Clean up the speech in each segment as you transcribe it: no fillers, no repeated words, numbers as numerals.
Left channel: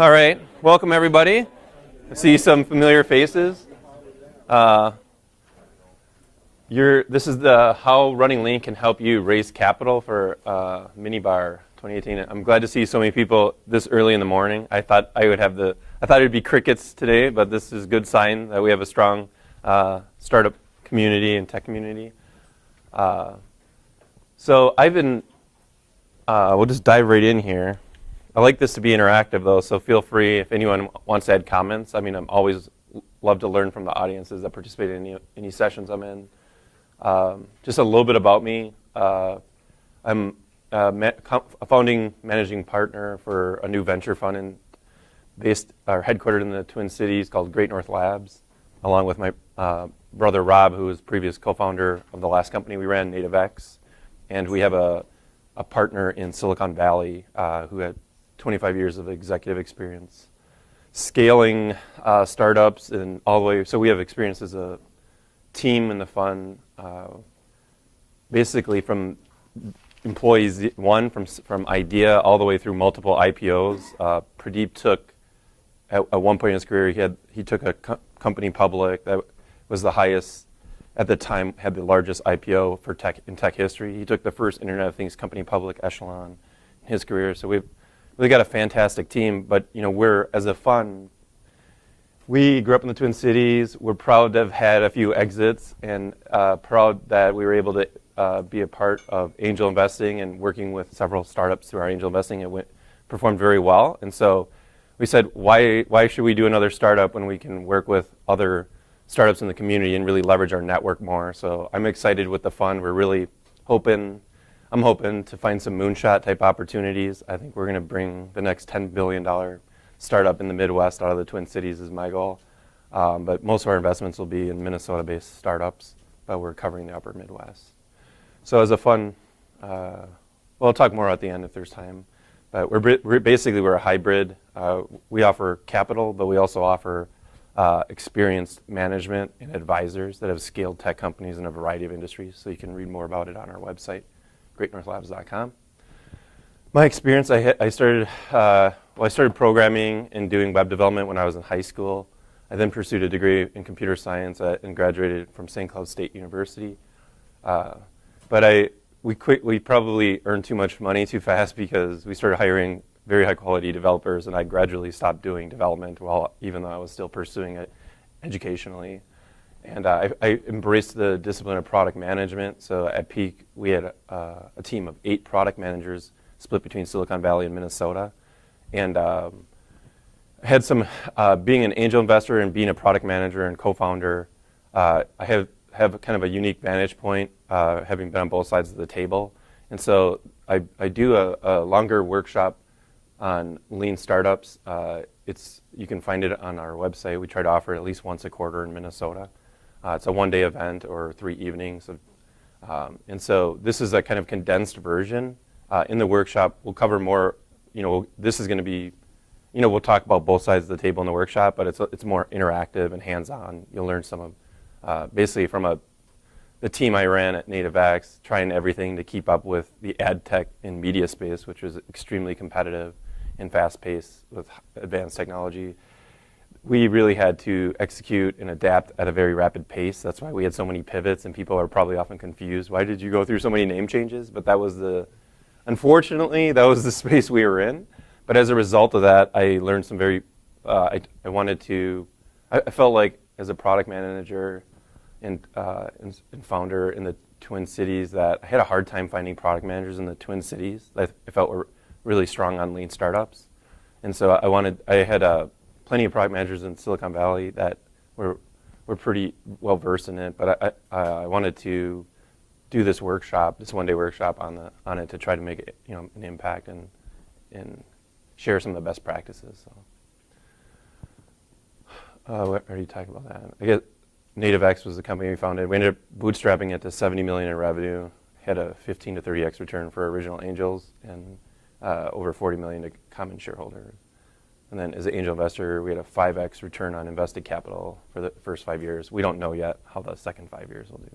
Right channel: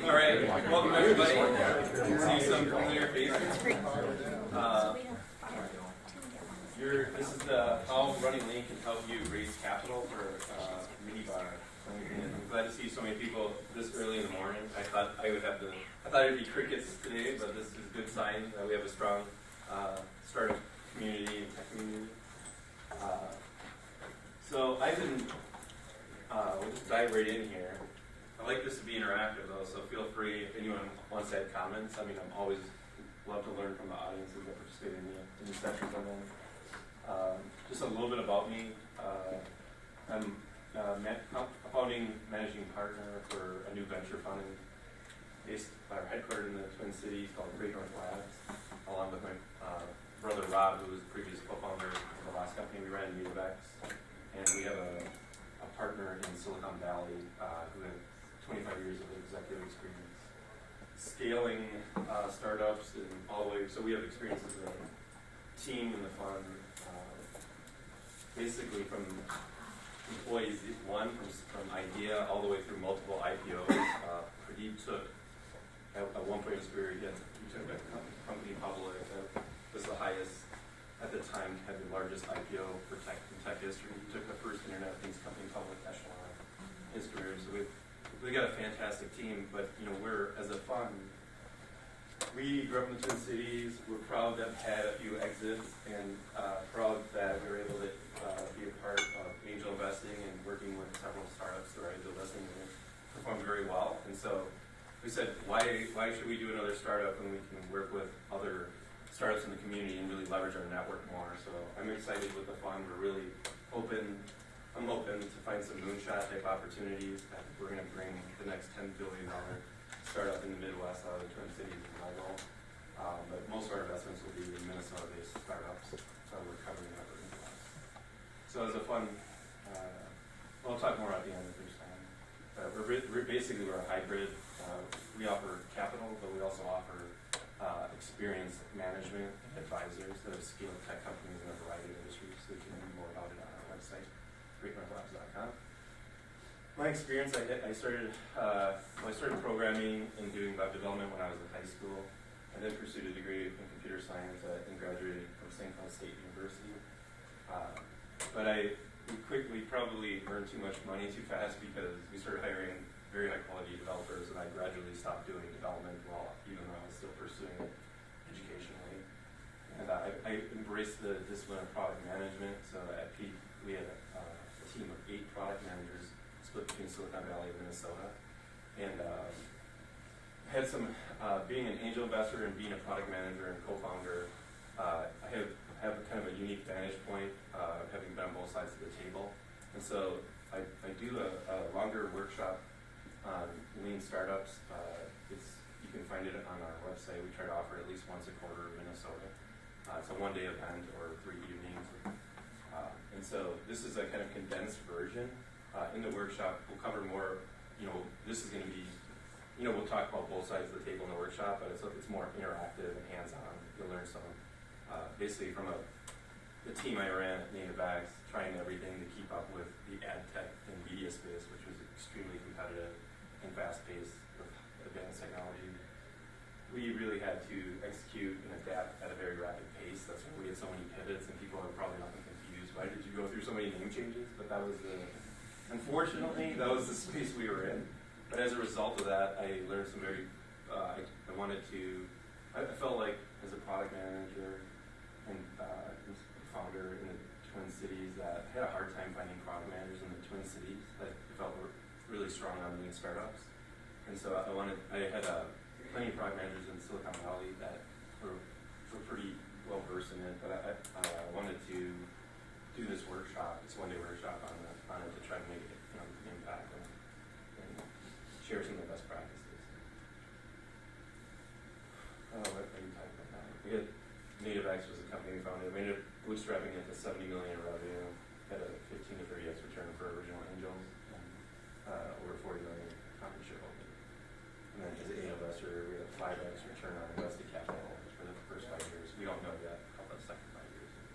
All right, welcome everybody. See some familiar faces. This is the how Running Lean can help you raise capital for Minibar 2018. I'm glad to see so many people this early in the morning. I thought it'd be crickets today, but this is a good sign that we have a strong startup community and tech community. So we'll just dive right in here. I like this to be interactive though, so feel free if anyone wants to add comments. I mean, I'm always love to learn from the audiences that participate in any sessions I'm in. Just a little bit about me. I'm a founding managing partner for a new venture fund headquartered in the Twin Cities called Great North Labs, along with my brother Rob, who was previous co-founder of the last company we ran, NativeX. And we have a partner in Silicon Valley who had 25 years of executive experience scaling startups and all the way. So we have experience as a team in the fund, basically from employees from idea all the way through multiple IPOs. Pradeep took at one point in his career he took a company public that was the highest at the time, had the largest IPO for tech history. He took the first Internet of Things company public, Echelon, in his career. So we've really got a fantastic team. But we're, as a fund, we grew up in the Twin Cities. We're proud to have had a few exits and proud that we were able to be a part of angel investing and working with several startups through our angel investing. It performed very well. And so we said, why should we do another startup when we can work with other startups in the community and really leverage our network more? So I'm excited with the fund. We're really I'm hoping to find some moonshot type opportunities. I think we're going to bring the next $10 billion startup in the Midwest out of the Twin Cities is my goal. But most of our investments will be in Minnesota-based startups, but we're covering the upper Midwest. So as a fund, I'll talk more at the end if there's time. But we're a hybrid. We offer capital, but we also offer experienced management and advisors that have scaled tech companies in a variety of industries. So you can read more about it on our website, greatnorthlabs.com. My experience, I started programming and doing web development when I was in high school. I then pursued a degree in computer science and graduated from St. Cloud State University. But we probably earned too much money too fast because we started hiring very high quality developers, and I gradually stopped doing development even though I was still pursuing it educationally. And I embraced the discipline of product management. So at Peak, we had a team of 8 product managers split between Silicon Valley and Minnesota. And I had being an angel investor and being a product manager and co-founder, I have kind of a unique vantage point, having been on both sides of the table. And so I do a longer workshop on lean startups. You can find it on our website. We try to offer it at least once a quarter in Minnesota. It's a one-day event or 3 evenings. And so this is a kind of condensed version. In the workshop, we'll cover more, this is going to be, we'll talk about both sides of the table in the workshop, but it's more interactive and hands-on. You'll learn some of, basically from the team I ran at NativeX, trying everything to keep up with the ad tech and media space, which was extremely competitive and fast-paced with advanced technology. We really had to execute and adapt at a very rapid pace. That's why we had so many pivots, and people are probably often confused. Why did you go through so many name changes? But unfortunately, that was the space we were in. But as a result of that, I learned some I felt like as a product manager and founder in the Twin Cities that I had a hard time finding product managers in the Twin Cities that I felt were really strong on lean startups. And so I had plenty of product managers in Silicon Valley that were pretty well versed in it, but I wanted to do this one-day workshop on it to try to make it an impact and share some of the best practices. I already talked about that. I guess NativeX was the company we founded. We ended up bootstrapping it to $70 million in revenue, had a 15 to 30x return for original angels, and over $40 million to common shareholders. And then as an angel investor, we had a 5x return on invested capital for the first 5 years. We don't know yet how the second 5 years will be.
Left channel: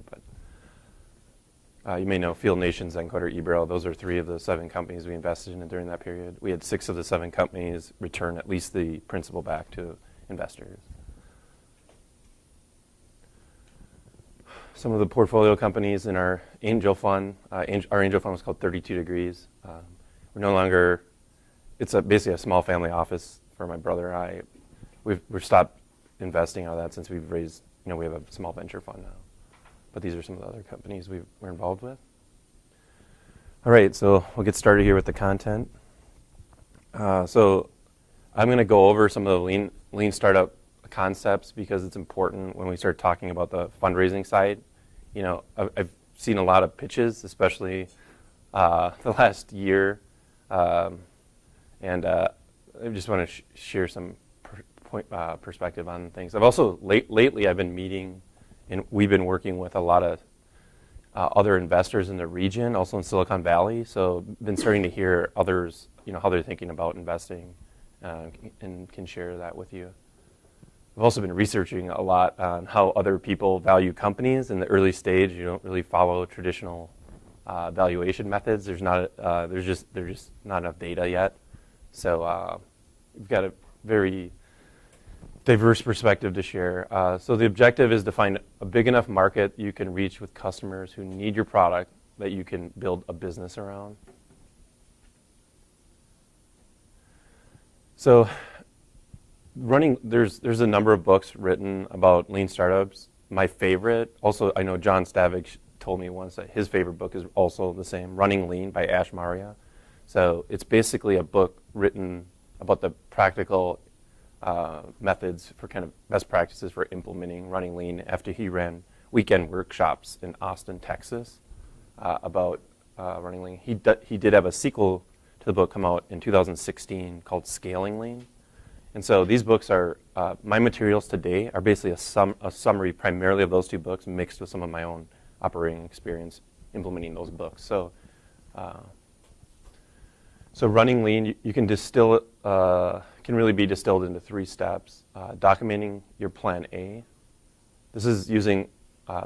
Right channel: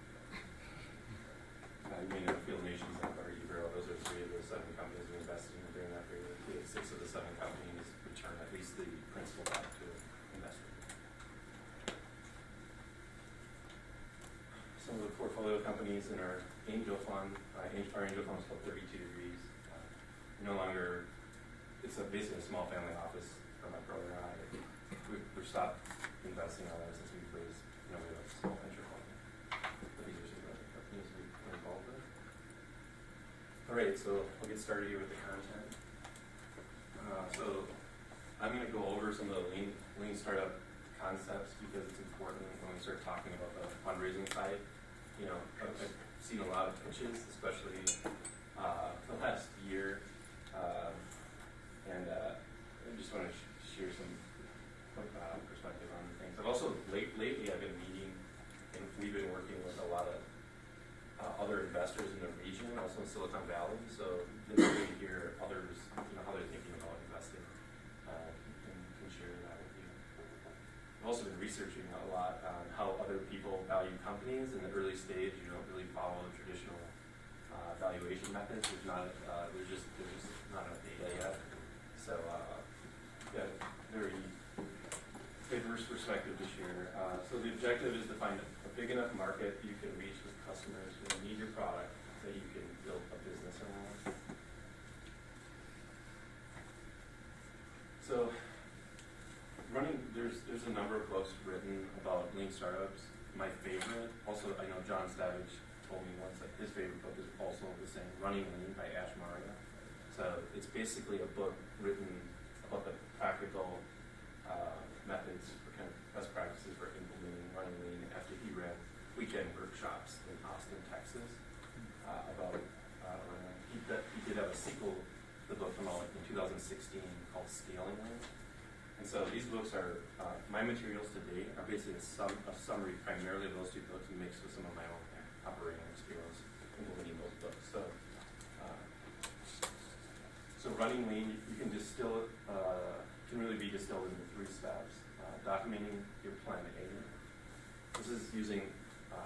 You may know Field Nation, Zencoder, eBraille. Those are 3 of the 7 companies we invested in during that period. We had 6 of the 7 companies return at least the principal back to investors. Some of the portfolio companies in our angel fund, our angel fund was called 32 Degrees. We're no longer, it's basically a small family office for my brother and I. We've stopped investing out of that since we've raised, we have a small venture fund now. But these are some of the other companies we're involved with. All right, so we'll get started here with the content. So I'm going to go over some of the lean startup concepts because it's important when we start talking about the fundraising side. I've seen a lot of pitches, especially the last year, and I just want to share some perspective on things. I've also lately I've been meeting, and we've been working with a lot of other investors in the region, also in Silicon Valley. So been starting to hear others, how they're thinking about investing, and can share that with you. I've also been researching a lot on how other people value companies in the early stage. You don't really follow traditional valuation methods. There's just not enough data yet. So we've got a very diverse perspective to share. So the objective is to find a big enough market you can reach with customers who need your product that you can build a business around. So there's a number of books written about lean startups. My favorite, also I know John Stavich told me once that his favorite book is also the same, Running Lean by Ash Maurya. So it's basically a book written about the practical methods for kind of best practices for implementing running lean after he ran weekend workshops in Austin, Texas about running lean. He did have a sequel to the book come out in 2016 called Scaling Lean. And so these books are, my materials today are basically a summary primarily of those 2 books mixed with some of my own operating experience implementing those books. So running lean, you can distill it, can really be distilled into 3 steps. Documenting your plan A. This is using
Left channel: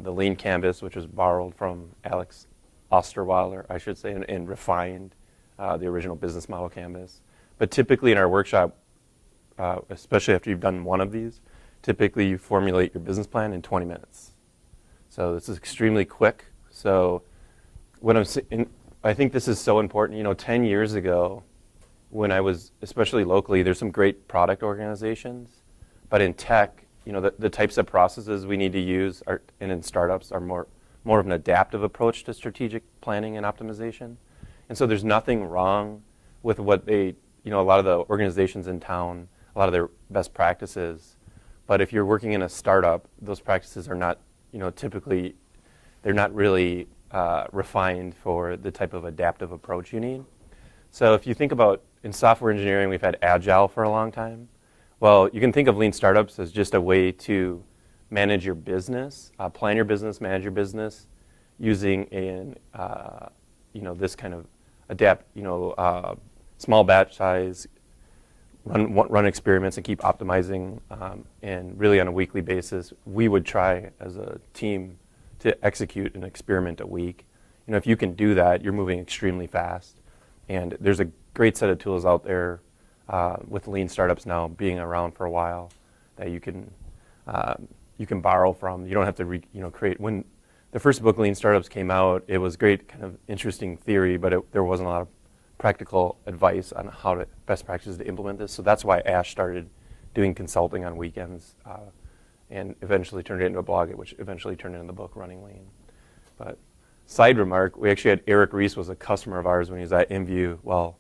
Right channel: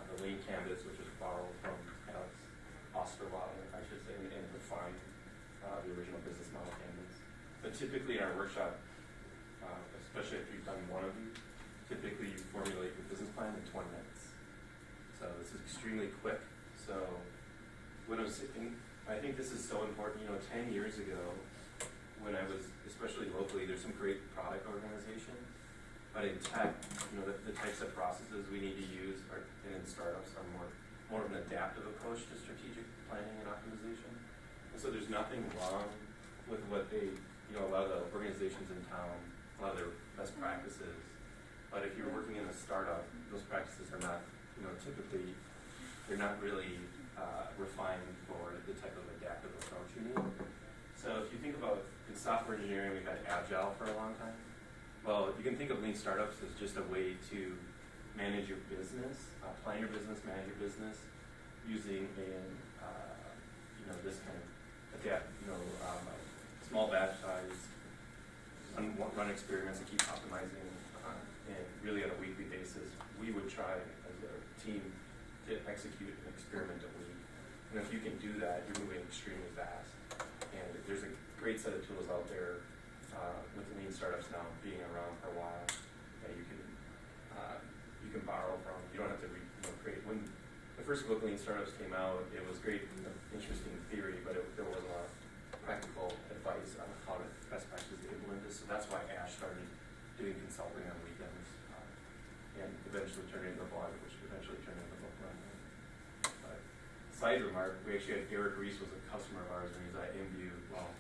the lean canvas, which was borrowed from Alex Osterweiler, I should say, and refined the original business model canvas. But typically in our workshop, especially after you've done one of these, typically you formulate your business plan in 20 minutes. So this is extremely quick. So I think this is so important. 10 years ago, when I was, especially locally, there's some great product organizations, but in tech, the types of processes we need to use and in startups are more of an adaptive approach to strategic planning and optimization. And so there's nothing wrong with what a lot of the organizations in town, a lot of their best practices. But if you're working in a startup, those practices are not, typically, they're not really refined for the type of adaptive approach you need. So if you think about in software engineering, we've had Agile for a long time. Well, you can think of lean startups as just a way to manage your business, plan your business, manage your business, using this kind of small batch size, run experiments and keep optimizing, and really on a weekly basis, we would try as a team to execute an experiment a week. If you can do that, you're moving extremely fast. And there's a great set of tools out there with lean startups now being around for a while that you can borrow from. You don't have to create. When the first book, Lean Startups, came out, it was great, kind of interesting theory, but there wasn't a lot of practical advice on how best practices to implement this. So that's why Ash started doing consulting on weekends and eventually turned it into a blog, which eventually turned into the book Running Lean. But side remark, we actually had Eric Ries was a customer of ours when he was at InView. Well,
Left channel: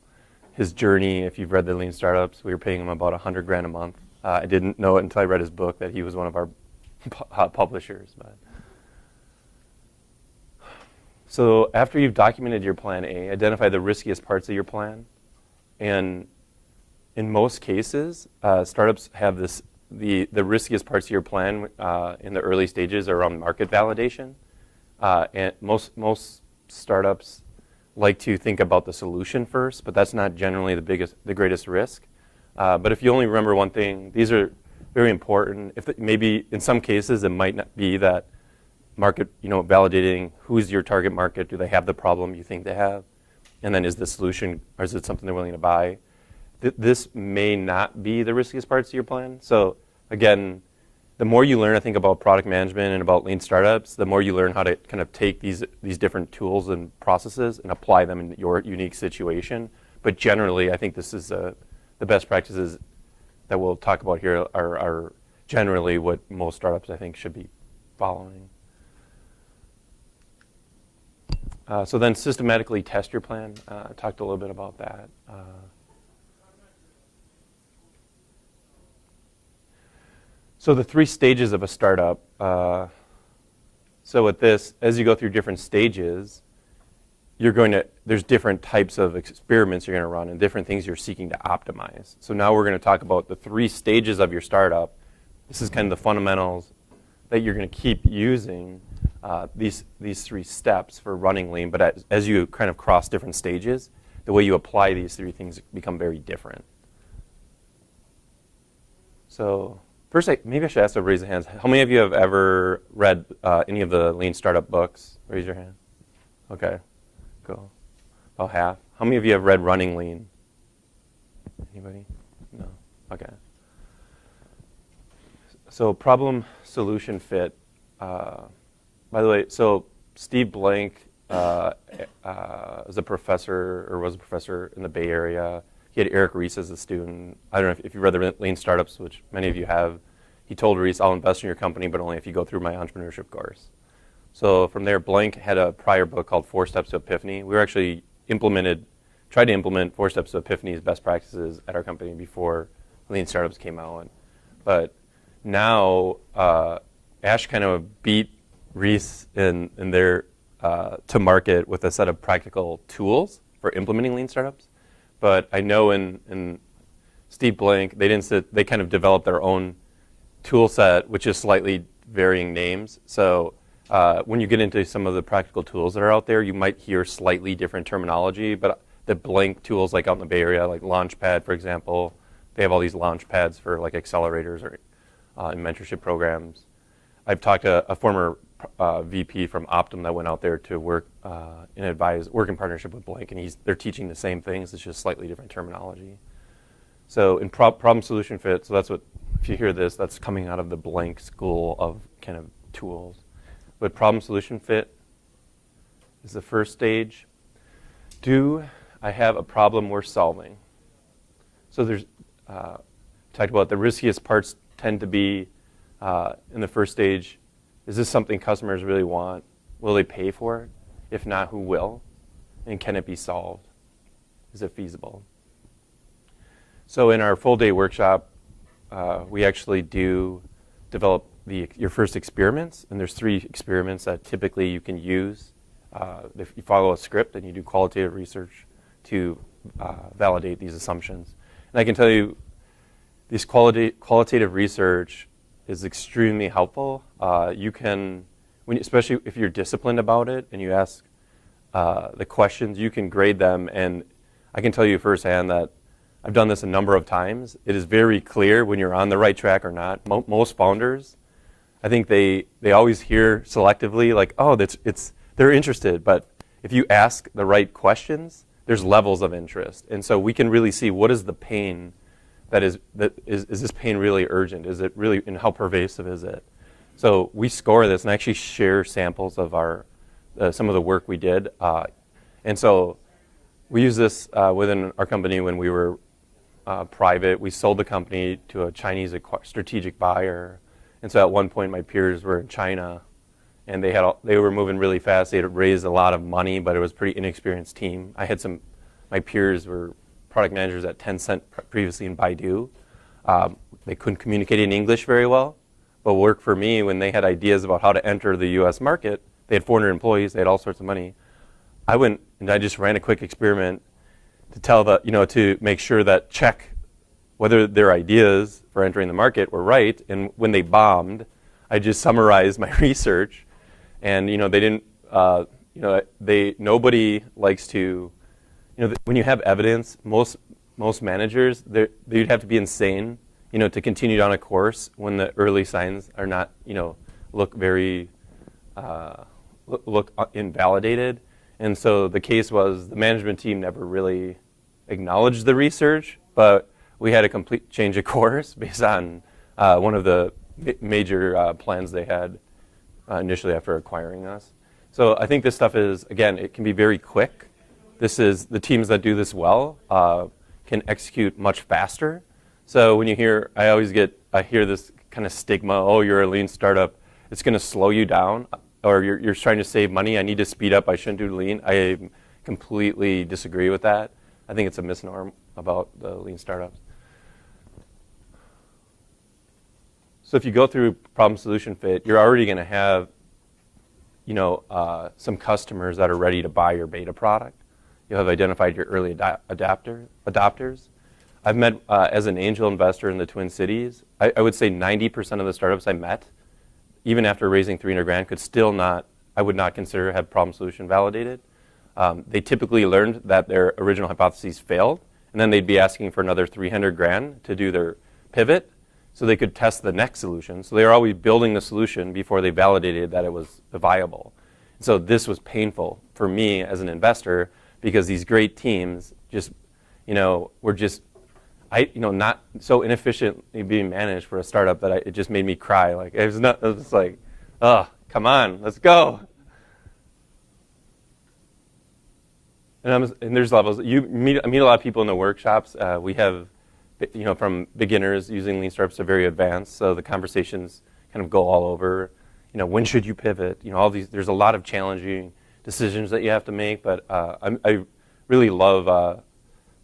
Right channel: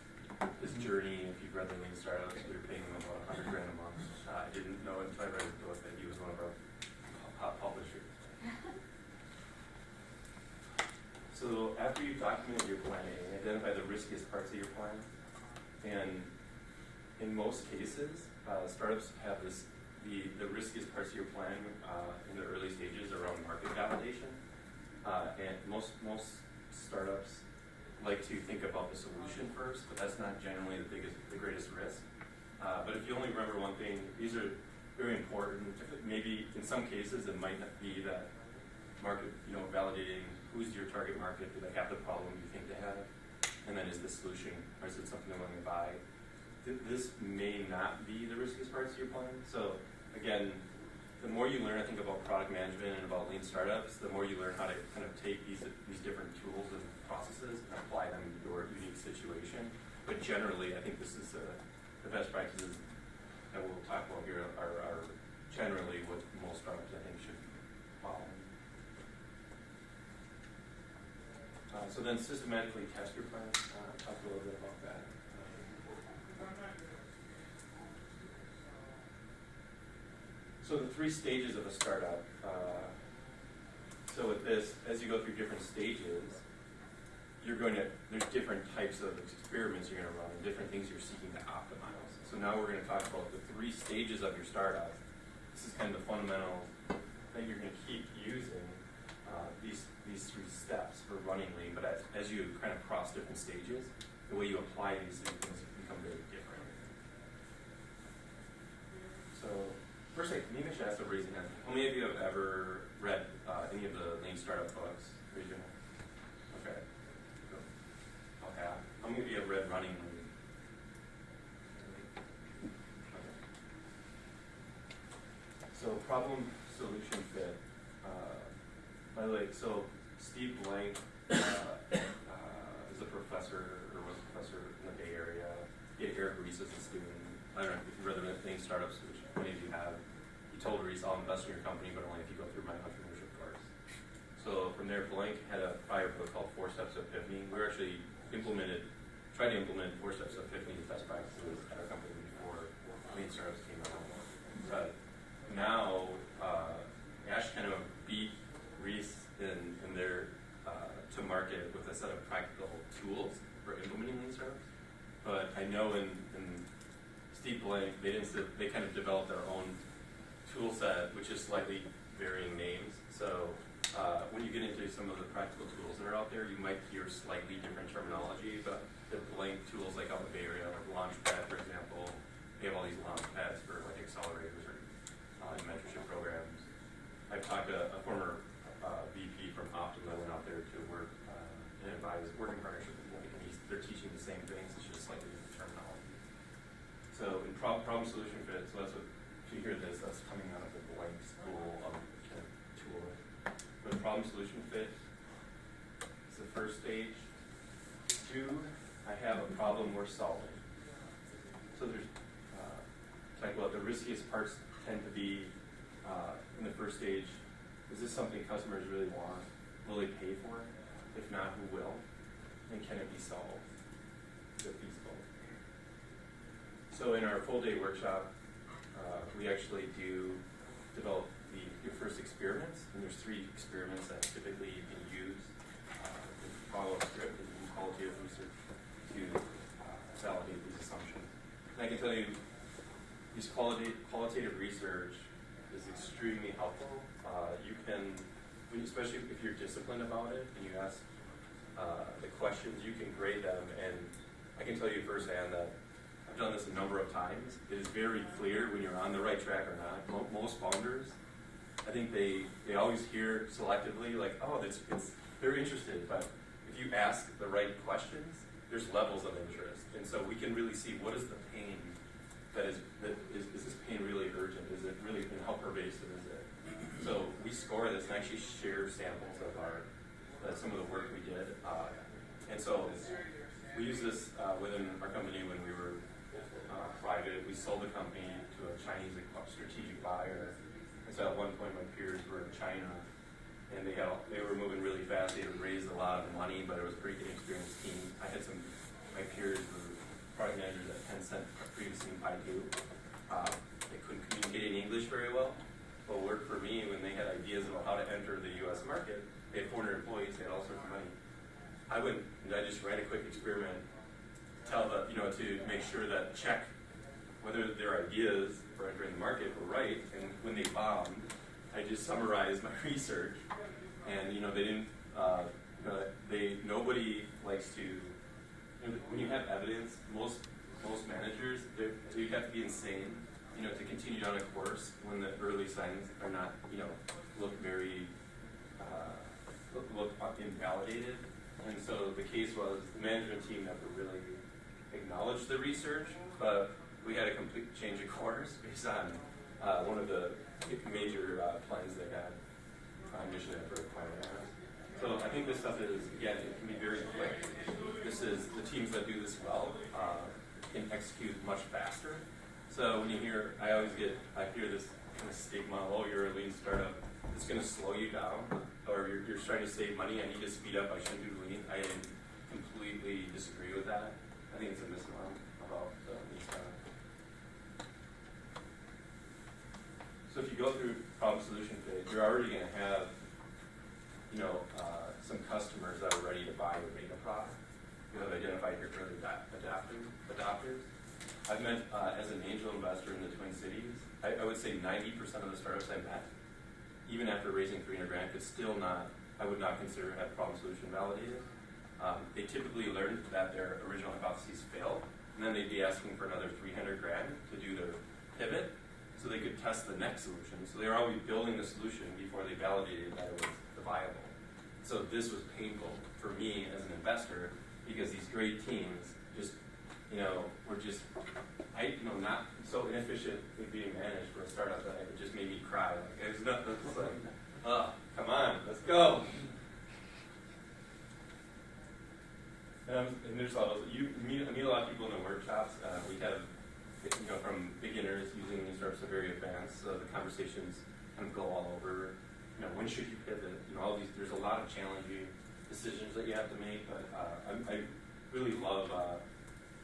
his journey, if you've read the Lean Startups, we were paying him about $100,000 a month. I didn't know it until I read his book that he was one of our publishers. But. So after you've documented your plan A, identify the riskiest parts of your plan. And in most cases, startups have the riskiest parts of your plan in the early stages are around market validation. And most startups like to think about the solution first, but that's not generally the greatest risk. But if you only remember one thing, these are very important. Maybe in some cases it might not be that market, validating who's your target market, do they have the problem you think they have, and then is the solution, or is it something they're willing to buy? This may not be the riskiest parts of your plan. So again, the more you learn, I think, about product management and about lean startups, the more you learn how to kind of take these different tools and processes and apply them in your unique situation. But generally, I think this is the best practices that we'll talk about here are generally what most startups, I think, should be following. So then systematically test your plan. I talked a little bit about that. So the 3 stages of a startup. So with this, as you go through different stages, there's different types of experiments you're going to run and different things you're seeking to optimize. So now we're going to talk about the 3 stages of your startup. This is kind of the fundamentals that you're going to keep using, these 3 steps for running lean. But as you kind of cross different stages, the way you apply these 3 things become very different. So first, maybe I should ask to raise your hands. How many of you have ever read any of the lean startup books? Raise your hand. Okay, cool. About half. How many of you have read Running Lean? Anybody? No. Okay. So problem solution fit. By the way, so Steve Blank is a professor, or was a professor in the Bay Area. He had Eric Ries as a student. I don't know if you read the Lean Startups, which many of you have. He told Ries, I'll invest in your company, but only if you go through my entrepreneurship course. So from there, Blank had a prior book called 4 Steps to Epiphany. We were actually tried to implement 4 Steps to Epiphany's best practices at our company before Lean Startups came out. But now, Ash kind of beat Ries in their to market with a set of practical tools for implementing Lean Startups. But I know in Steve Blank, they kind of developed their own tool set, which is slightly varying names. So when you get into some of the practical tools that are out there, you might hear slightly different terminology. But the Blank tools, like out in the Bay Area, like Launchpad, for example, they have all these launch pads for like accelerators or in mentorship programs. I've talked to a former VP from Optum that went out there to work in partnership with Blank, and they're teaching the same things. It's just slightly different terminology. So in problem solution fit, so that's what, if you hear this, that's coming out of the Blank school of kind of tools. But problem solution fit is the first stage. Do I have a problem worth solving? So there's talked about the riskiest parts tend to be in the first stage. Is this something customers really want? Will they pay for it? If not, who will? And can it be solved? Is it feasible? So in our full day workshop, we actually do develop your first experiments, and there's 3 experiments that typically you can use if you follow a script and you do qualitative research to validate these assumptions. And I can tell you, this qualitative research is extremely helpful. You can, especially if you're disciplined about it and you ask the questions, you can grade them. And I can tell you firsthand that I've done this a number of times. It is very clear when you're on the right track or not. Most founders, I think they always hear selectively like, oh, they're interested. But if you ask the right questions, there's levels of interest. And so we can really see what is the pain is this pain really urgent? Is it really, and how pervasive is it? So we score this and actually share samples of some of the work we did. And so we use this within our company when we were private. We sold the company to a Chinese strategic buyer. And so at one point my peers were in China and they were moving really fast. They had raised a lot of money, but it was a pretty inexperienced team. My peers were product managers at Tencent previously in Baidu. They couldn't communicate in English very well, but worked for me when they had ideas about how to enter the US market. They had 400 employees, they had all sorts of money. I went and I just ran a quick experiment to make sure that check whether their ideas for entering the market were right. And when they bombed, I just summarized my research. And they didn't, nobody likes to, when you have evidence, most managers, you'd have to be insane, to continue down a course when the early signs are not, look very look invalidated. And so the case was the management team never really acknowledged the research, but we had a complete change of course based on one of the major plans they had initially after acquiring us. So I think this stuff is, again, it can be very quick. This is, the teams that do this well can execute much faster. So when you hear, I hear this kind of stigma, oh, you're a lean startup, it's going to slow you down, or you're trying to save money, I need to speed up, I shouldn't do lean. I completely disagree with that. I think it's a misnomer about the lean startup. So if you go through problem solution fit, you're already going to have some customers that are ready to buy your beta product. You'll have identified your early adopters. I've met, as an angel investor in the Twin Cities, I would say 90% of the startups I met, even after raising 300 grand, could still not, I would not consider have problem solution validated. They typically learned that their original hypotheses failed, and then they'd be asking for another 300 grand to do their pivot so they could test the next solution. So they were always building the solution before they validated that it was viable. So this was painful for me as an investor because these great teams just, were just, not so inefficiently being managed for a startup that it just made me cry. Like it was just like, oh, come on, let's go. And there's levels. I meet a lot of people in the workshops. We have, from beginners using lean startups to very advanced. So the conversations kind of go all over. When should you pivot? All these. There's a lot of challenging decisions that you have to make. But I really love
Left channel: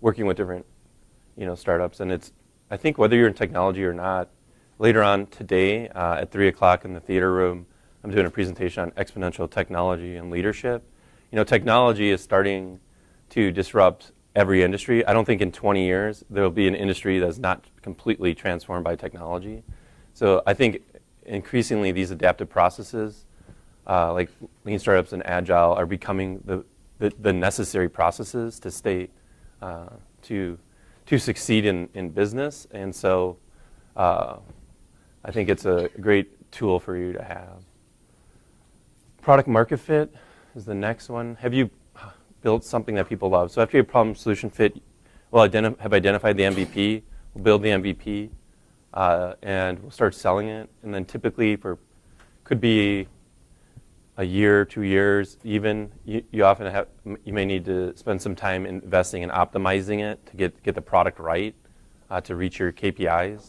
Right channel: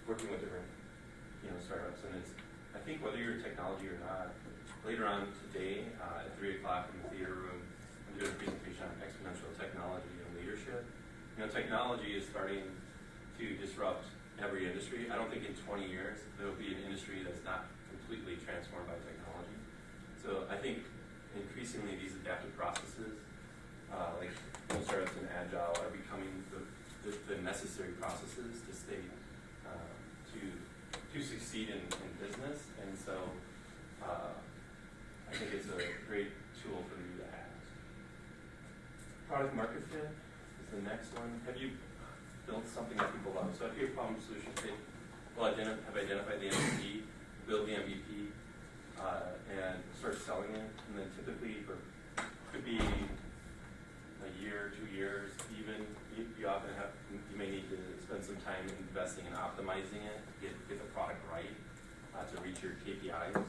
working with different, startups. And I think whether you're in technology or not, later on today at 3 o'clock in the theater room, I'm doing a presentation on exponential technology and leadership. Technology is starting to disrupt every industry. I don't think in 20 years there will be an industry that's not completely transformed by technology. So I think increasingly these adaptive processes, like lean startups and agile, are becoming the necessary processes to stay to succeed in business. And so I think it's a great tool for you to have. Product market fit is the next one. Have you built something that people love? So after your problem solution fit, we'll have identified the MVP, we'll build the MVP, and we'll start selling it. And then typically could be a year, 2 years, even. You often you may need to spend some time investing in optimizing it to get the product right to reach your KPIs.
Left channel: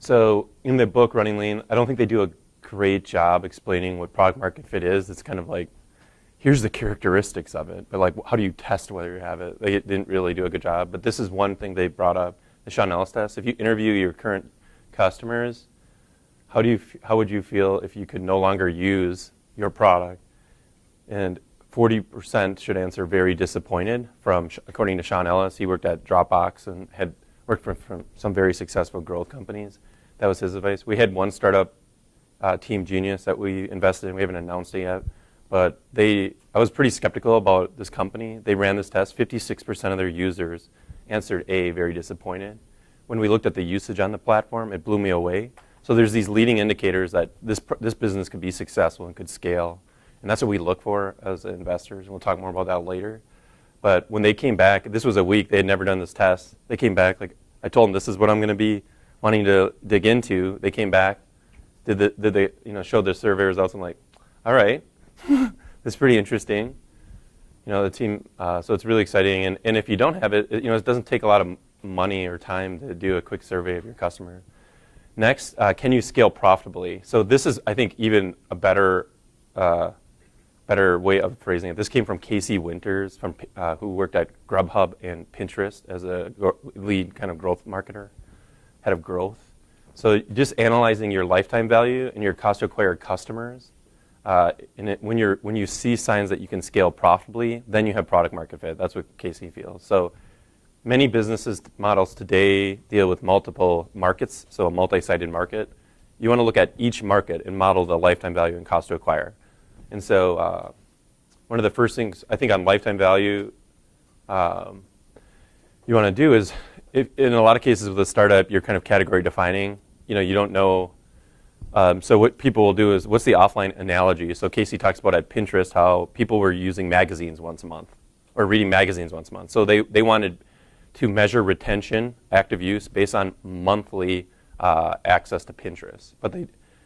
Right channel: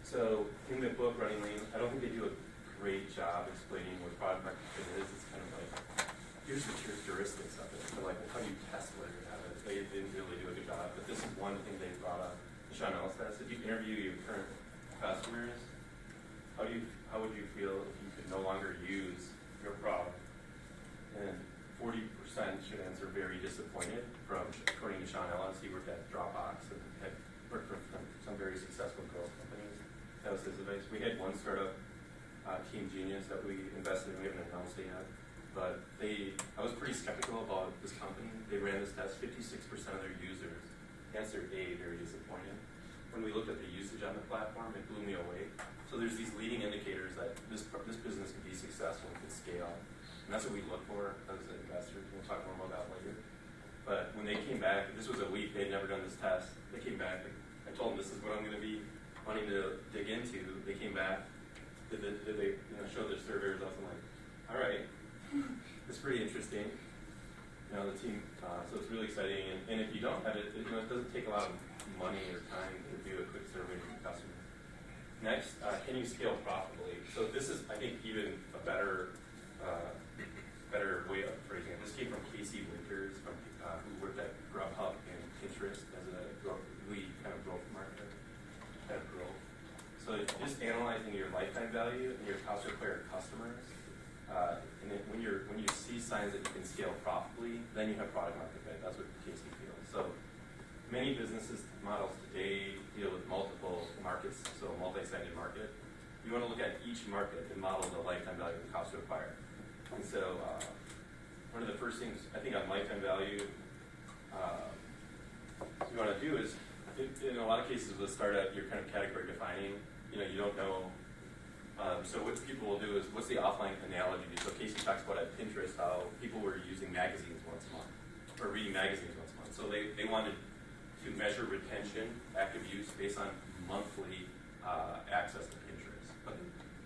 So in the book Running Lean, I don't think they do a great job explaining what product market fit is. It's kind of like, here's the characteristics of it, but like, how do you test whether you have it? They didn't really do a good job, but this is one thing they brought up, the Sean Ellis test. If you interview your current customers, how would you feel if you could no longer use your product? And 40% should answer very disappointed. According to Sean Ellis, he worked at Dropbox and had worked for some very successful growth companies. That was his advice. We had one startup, Team Genius, that we invested in. We haven't announced it yet. But I was pretty skeptical about this company. They ran this test. 56% of their users answered A, very disappointed. When we looked at the usage on the platform, it blew me away. So there's these leading indicators that this business could be successful and could scale. And that's what we look for as investors. We'll talk more about that later. But when they came back, this was a week, they had never done this test. They came back, like I told them, this is what I'm going to be wanting to dig into. They came back, did they show their survey results. I'm like, all right, it's pretty interesting. The team, so it's really exciting. And if you don't have it, it doesn't take a lot of money or time to do a quick survey of your customer. Next, can you scale profitably? So this is, I think, even a better way of phrasing it. This came from Casey Winters, who worked at Grubhub and Pinterest as a lead kind of growth marketer, head of growth. So just analyzing your lifetime value and your cost to acquire customers, when you see signs that you can scale profitably, then you have product market fit. That's what Casey feels. So many businesses models today deal with multiple markets, so a multi-sided market. You want to look at each market and model the lifetime value and cost to acquire. And so one of the first things I think on lifetime value you want to do is, in a lot of cases with a startup, you're kind of category defining. You don't know So what people will do is, what's the offline analogy? So Casey talks about at Pinterest how people were using magazines once a month, or reading magazines once a month. So they wanted to measure retention, active use, based on monthly access to Pinterest. But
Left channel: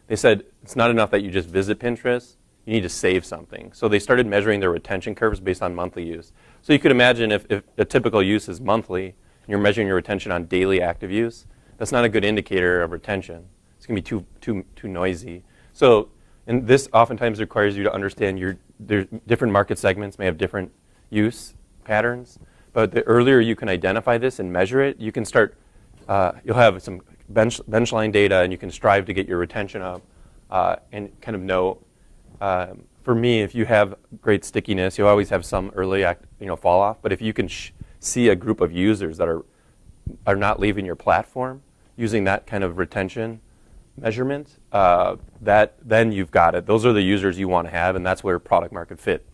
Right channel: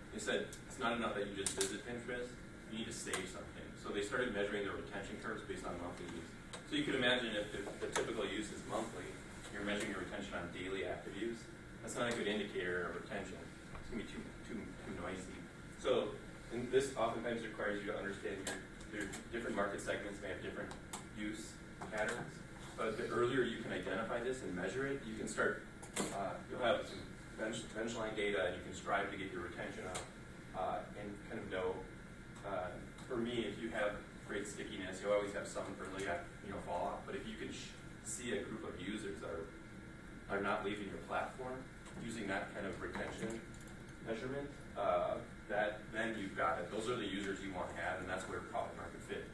they said it's not enough that you just visit Pinterest, you need to save something. So they started measuring their retention curves based on monthly use. So you could imagine if a typical use is monthly, and you're measuring your retention on daily active use, that's not a good indicator of retention. It's going to be too noisy. So, and this oftentimes requires you to understand there's different market segments may have different use patterns. But the earlier you can identify this and measure it, you can start, you'll have some benchline data, and you can strive to get your retention up and kind of know. For me, if you have great stickiness, you'll always have some early fall off. But if you can see a group of users that are not leaving your platform using that kind of retention measurement, then you've got it. Those are the users you want to have, and that's where product market fit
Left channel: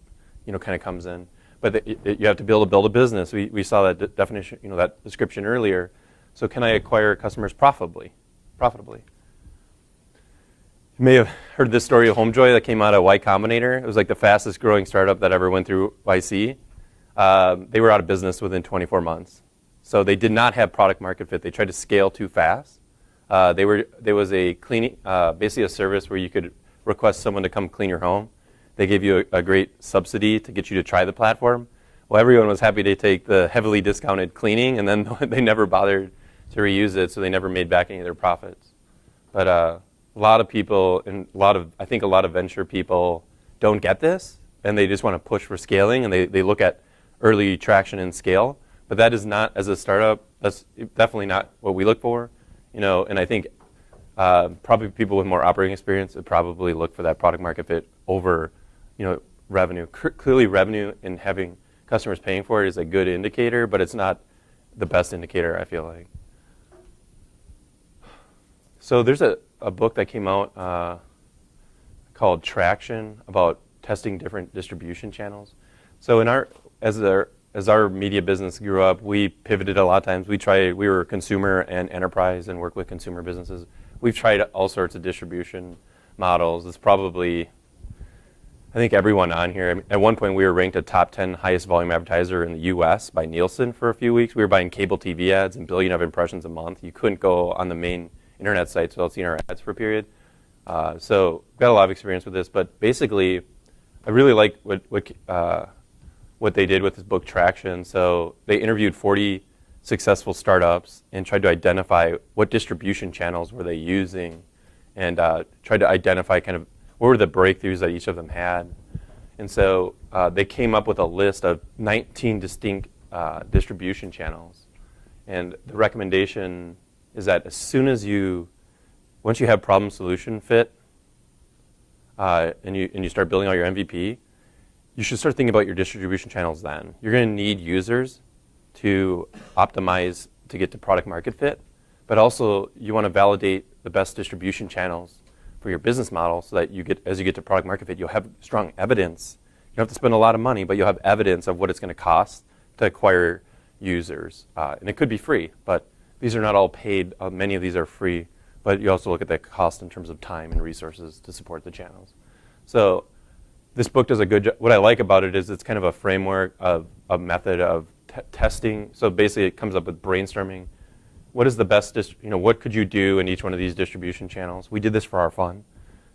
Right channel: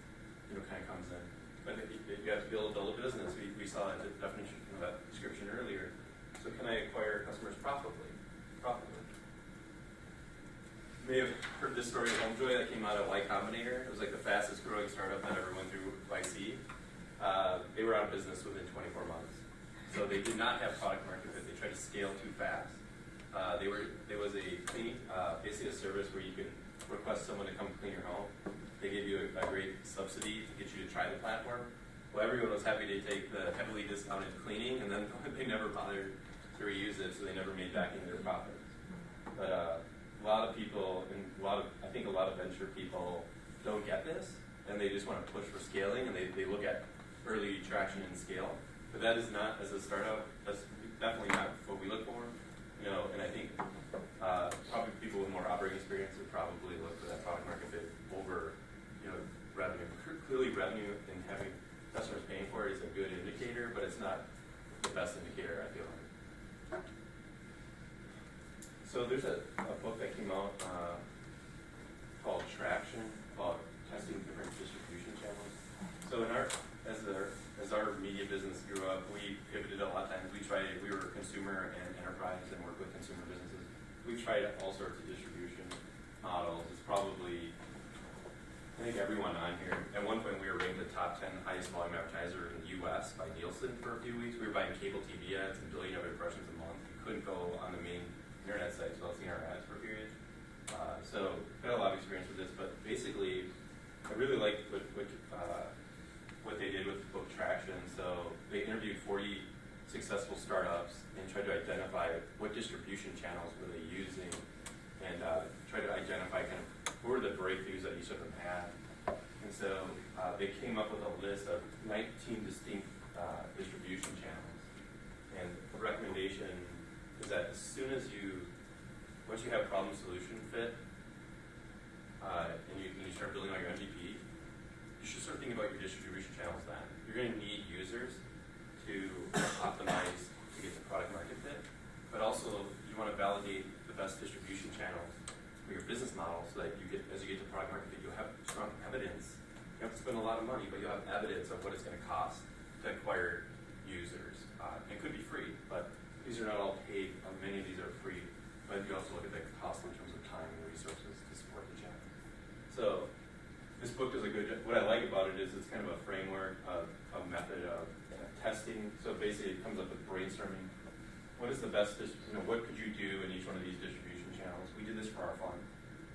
kind of comes in. But you have to build a business. We saw that definition, that description earlier. So can I acquire customers profitably? You may have heard this story of HomeJoy that came out of Y Combinator. It was like the fastest growing startup that ever went through YC. They were out of business within 24 months. So they did not have product market fit. They tried to scale too fast. There was a cleaning, basically a service where you could request someone to come clean your home. They gave you a great subsidy to get you to try the platform. Well, everyone was happy to take the heavily discounted cleaning, and then they never bothered to reuse it, so they never made back any of their profits. But a lot of people, and I think a lot of venture people don't get this, and they just want to push for scaling, and they look at early traction and scale. But that is not, as a startup, that's definitely not what we look for. And I think probably people with more operating experience would probably look for that product market fit over, revenue. Clearly, revenue and having customers paying for it is a good indicator, but it's not the best indicator, I feel like. So there's a book that came out called Traction about testing different distribution channels. So as our media business grew up, we pivoted a lot of times. We were consumer and enterprise and work with consumer businesses. We've tried all sorts of distribution models. It's probably, I think everyone on here, at one point we were ranked a top 10 highest volume advertiser in the US by Nielsen for a few weeks. We were buying cable TV ads and billion of impressions a month. You couldn't go on the main internet sites without seeing our ads for a period. So got a lot of experience with this, but basically I really like what they did with this book Traction. So they interviewed 40 successful startups and tried to identify what distribution channels were they using, and tried to identify kind of what were the breakthroughs that each of them had. And so they came up with a list of 19 distinct distribution channels. And the recommendation is that once you have problem solution fit, and you start building out your MVP, you should start thinking about your distribution channels then. You're going to need users to optimize to get to product market fit, but also you want to validate the best distribution channels for your business model so that as you get to product market fit, you'll have strong evidence. You don't have to spend a lot of money, but you'll have evidence of what it's going to cost to acquire users. And it could be free, but these are not all paid. Many of these are free, but you also look at the cost in terms of time and resources to support the channels. So this book does a good job. What I like about it is it's kind of a framework of a method of testing. So basically it comes up with brainstorming. What is the best, what could you do in each one of these distribution channels? We did this for our fund.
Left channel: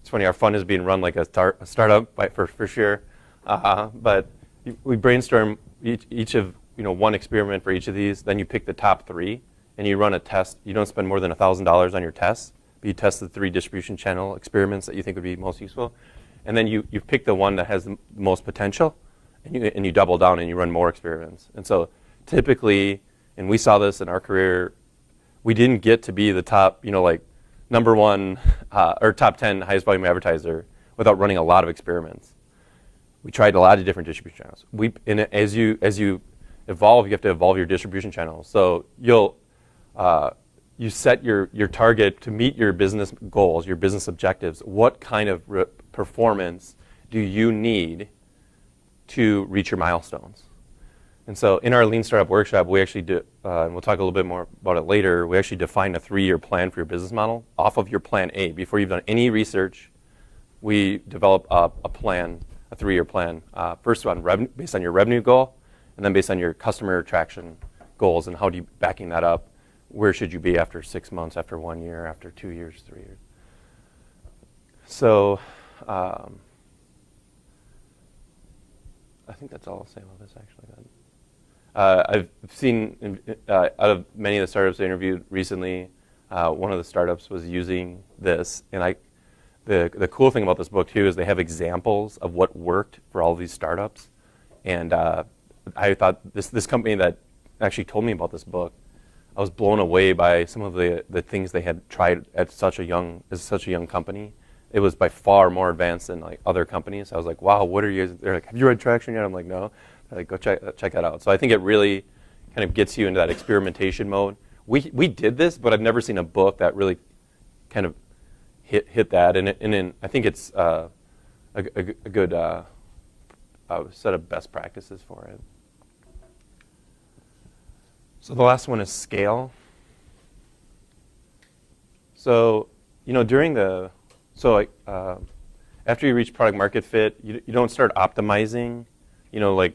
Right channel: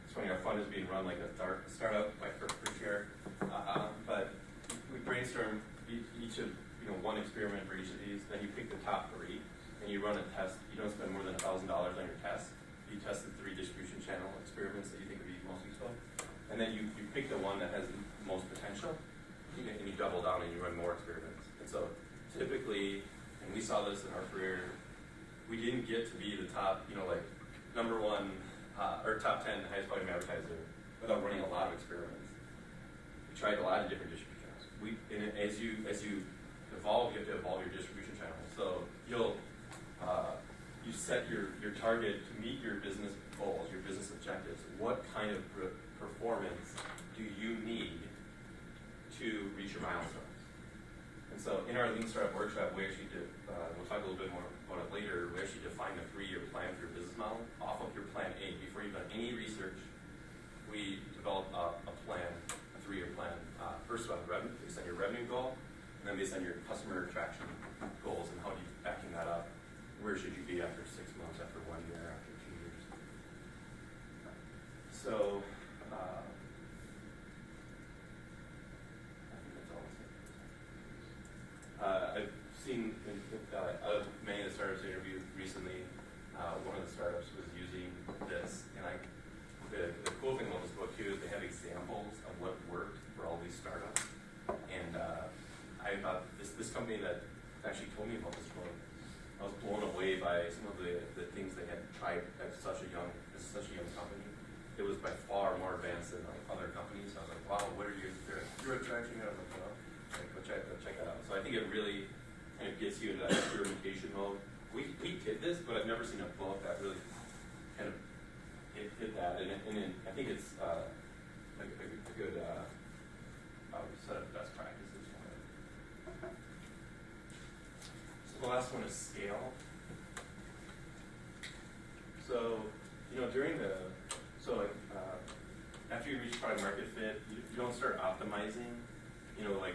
It's funny, our fund is being run like a startup for sure. But we brainstorm each of, one experiment for each of these. Then you pick the top 3 and you run a test. You don't spend more than $1,000 on your tests. You test the 3 distribution channel experiments that you think would be most useful. And then you pick the one that has the most potential, and you double down and you run more experiments. And so typically, and we saw this in our career, we didn't get to be the top, number 1 or top 10 highest volume advertiser without running a lot of experiments. We tried a lot of different distribution channels. As you evolve, you have to evolve your distribution channels. So you set your target to meet your business goals, your business objectives. What kind of performance do you need to reach your milestones? And so in our Lean Startup Workshop, we actually do, and we'll talk a little bit more about it later, we actually define a 3-year plan for your business model off of your plan A. Before you've done any research, we develop a plan, a 3-year plan, first based on your revenue goal, and then based on your customer attraction goals, and how do you backing that up? Where should you be after 6 months, after 1 year, after 2 years, 3 years? So I think that's all I'll say on this, actually. I've seen out of many of the startups I interviewed recently, one of the startups was using this, and the cool thing about this book too is they have examples of what worked for all these startups, and I thought this company that actually told me about this book, I was blown away by some of the things they had tried at such a young company. It was by far more advanced than like other companies. I was like, wow, what are you? They're like, have you read Traction yet? I'm like, no. Like, go check that out. So I think it really kind of gets you into that experimentation mode. We did this, but I've never seen a book that really kind of hit that. And I think it's a good set of best practices for it. So the last one is scale. So after you reach product market fit, you don't start optimizing. Like,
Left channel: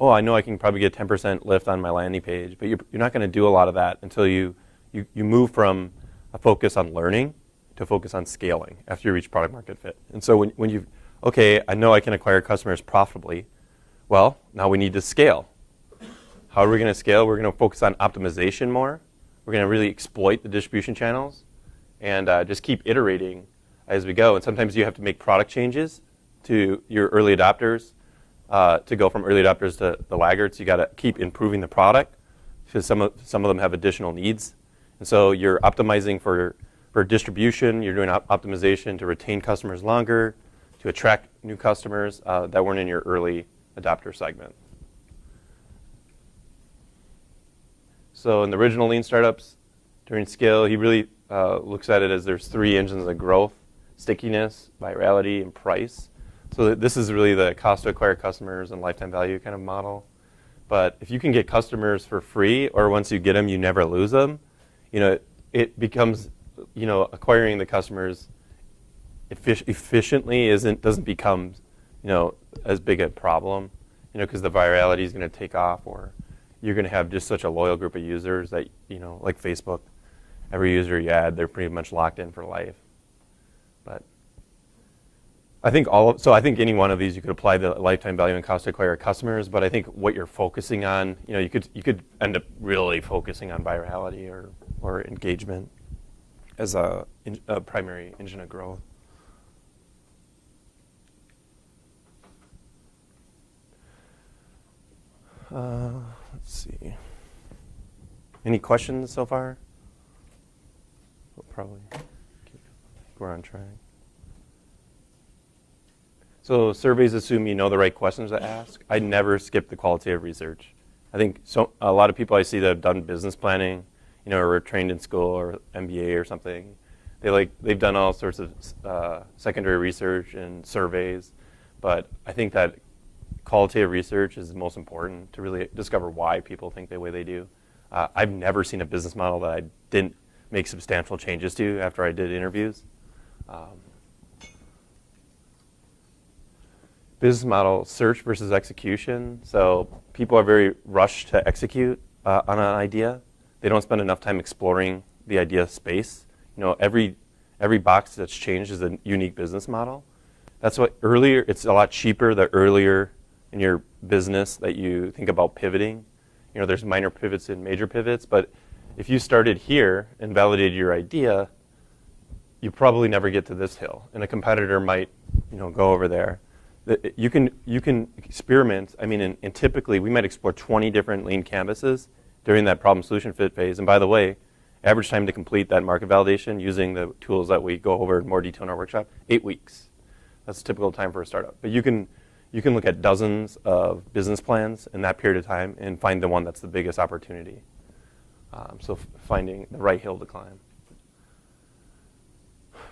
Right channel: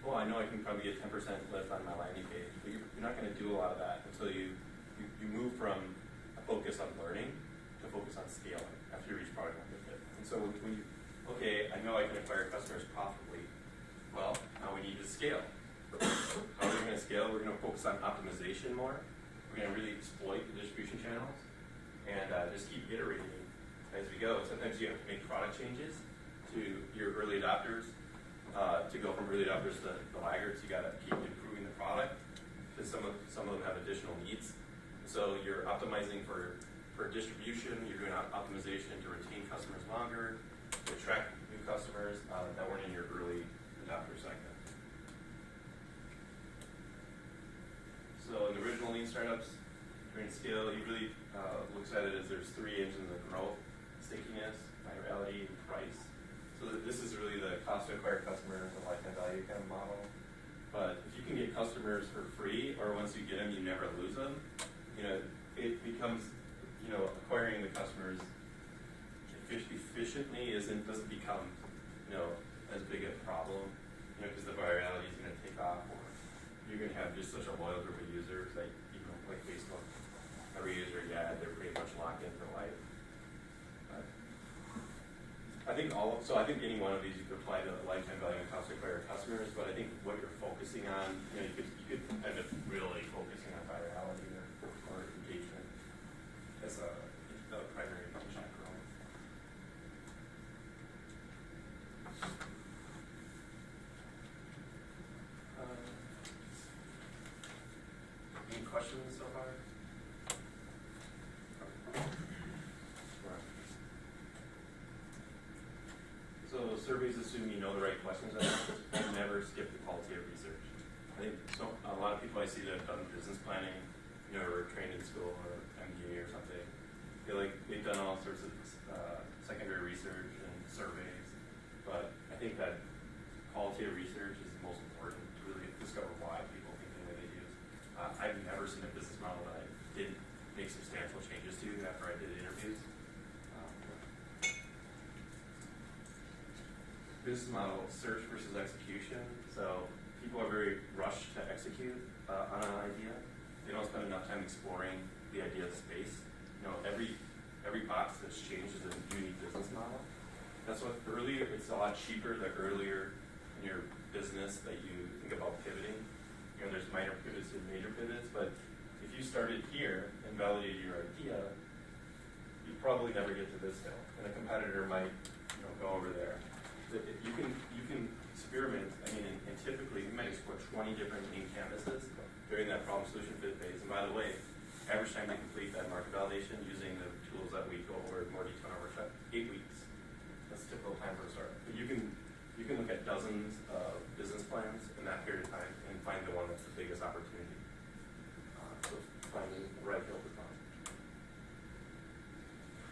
oh, I know I can probably get 10% lift on my landing page, but you're not going to do a lot of that until you move from a focus on learning to focus on scaling after you reach product market fit. And so when I know I can acquire customers profitably, well, now we need to scale. How are we going to scale? We're going to focus on optimization more. We're going to really exploit the distribution channels and just keep iterating as we go. And sometimes you have to make product changes to your early adopters. To go from early adopters to the laggards, you got to keep improving the product because some of them have additional needs. And so you're optimizing for distribution. You're doing optimization to retain customers longer, to attract new customers that weren't in your early adopter segment. So in the original Lean startups, during scale, he really looks at it as there's 3 engines of growth: stickiness, virality, and price. So this is really the cost to acquire customers and lifetime value kind of model. But if you can get customers for free, or once you get them, you never lose them, it becomes, acquiring the customers efficiently doesn't become, as big a problem, because the virality is going to take off, or you're going to have just such a loyal group of users that, like Facebook, every user you add, they're pretty much locked in for life. But I think any one of these you could apply the lifetime value and cost to acquire customers, but I think what you're focusing on, you could end up really focusing on virality or engagement as a primary engine of growth. Let's see. Any questions so far? Probably. We're on track. So surveys assume you know the right questions to ask. I never skip the qualitative research. I think a lot of people I see that have done business planning, or were trained in school or MBA or something, they've done all sorts of secondary research and surveys, but I think that qualitative research is the most important to really discover why people think the way they do. I've never seen a business model that I didn't make substantial changes to after I did interviews. Business model, search versus execution. So people are very rushed to execute on an idea. They don't spend enough time exploring the idea space. Every box that's changed is a unique business model. That's what it's a lot cheaper the earlier in your business that you think about pivoting. There's minor pivots and major pivots, but if you started here and validated your idea, you probably never get to this hill, and a competitor might, go over there. You can experiment. And typically we might explore 20 different lean canvases during that problem solution fit phase. And by the way, average time to complete that market validation using the tools that we go over in more detail in our workshop, 8 weeks. That's a typical time for a startup. But you can look at dozens of business plans in that period of time and find the one that's the biggest opportunity. So finding the right hill to climb.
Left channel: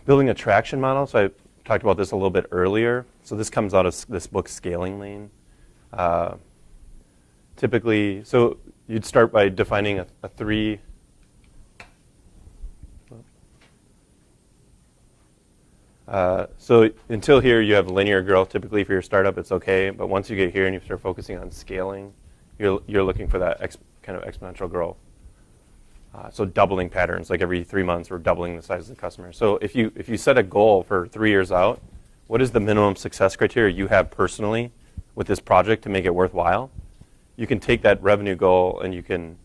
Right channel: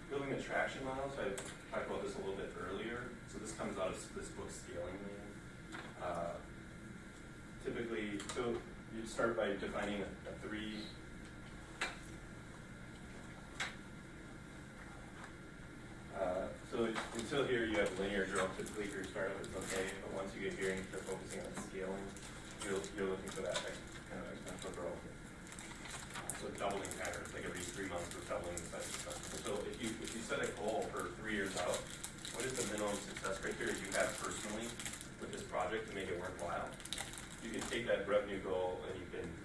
Building a traction model. So I talked about this a little bit earlier. So this comes out of this book, Scaling Lean. typically, so you'd start by defining a three. So until here, you have linear growth. Typically, for your startup, it's okay. But once you get here and you start focusing on scaling, you're looking for that kind of exponential growth. So doubling patterns, like every 3 months, we're doubling the size of the customer. So if you set a goal for 3 years out, what is the minimum success criteria you have personally with this project to make it worthwhile? You can take that revenue goal and you can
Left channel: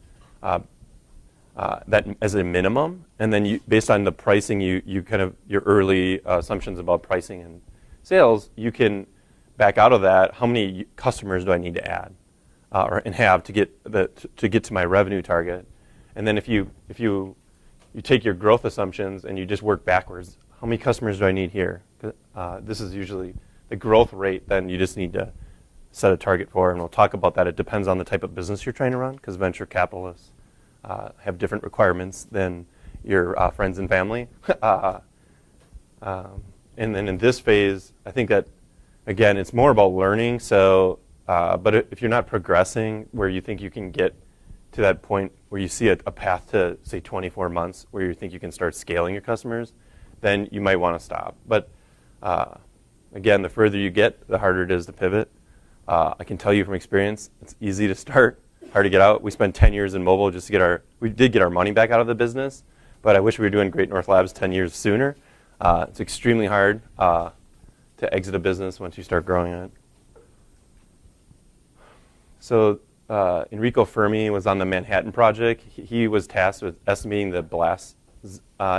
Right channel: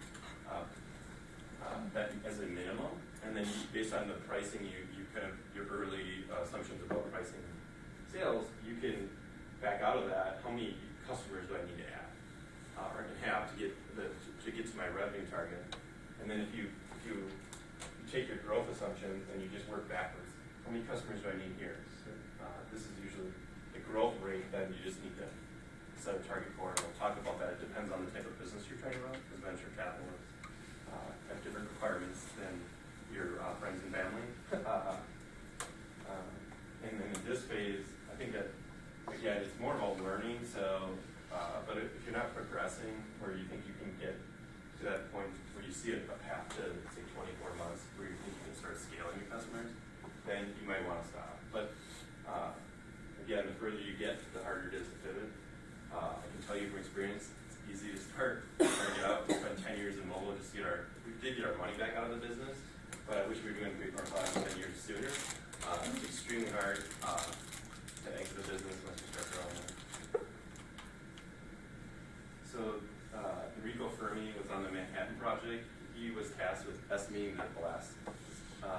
that as a minimum, and then based on the pricing, you kind of your early assumptions about pricing and sales, you can back out of that. How many customers do I need to add and have to get to my revenue target? And then if you take your growth assumptions and you just work backwards, how many customers do I need here? This is usually a growth rate. Then you just need to set a target for, and we'll talk about that. It depends on the type of business you're trying to run, because venture capitalists have different requirements than your friends and family. And then in this phase, I think that, again, it's more about learning. So, but if you're not progressing where you think you can get to that point where you see a path to, say, 24 months, where you think you can start scaling your customers, then you might want to stop. But again, the further you get, the harder it is to pivot. I can tell you from experience, it's easy to start, hard to get out. We spent 10 years in mobile just to we did get our money back out of the business, but I wish we were doing Great North Labs 10 years sooner. It's extremely hard to exit a business once you start growing it. So Enrico Fermi was on the Manhattan Project. He was tasked with estimating the blast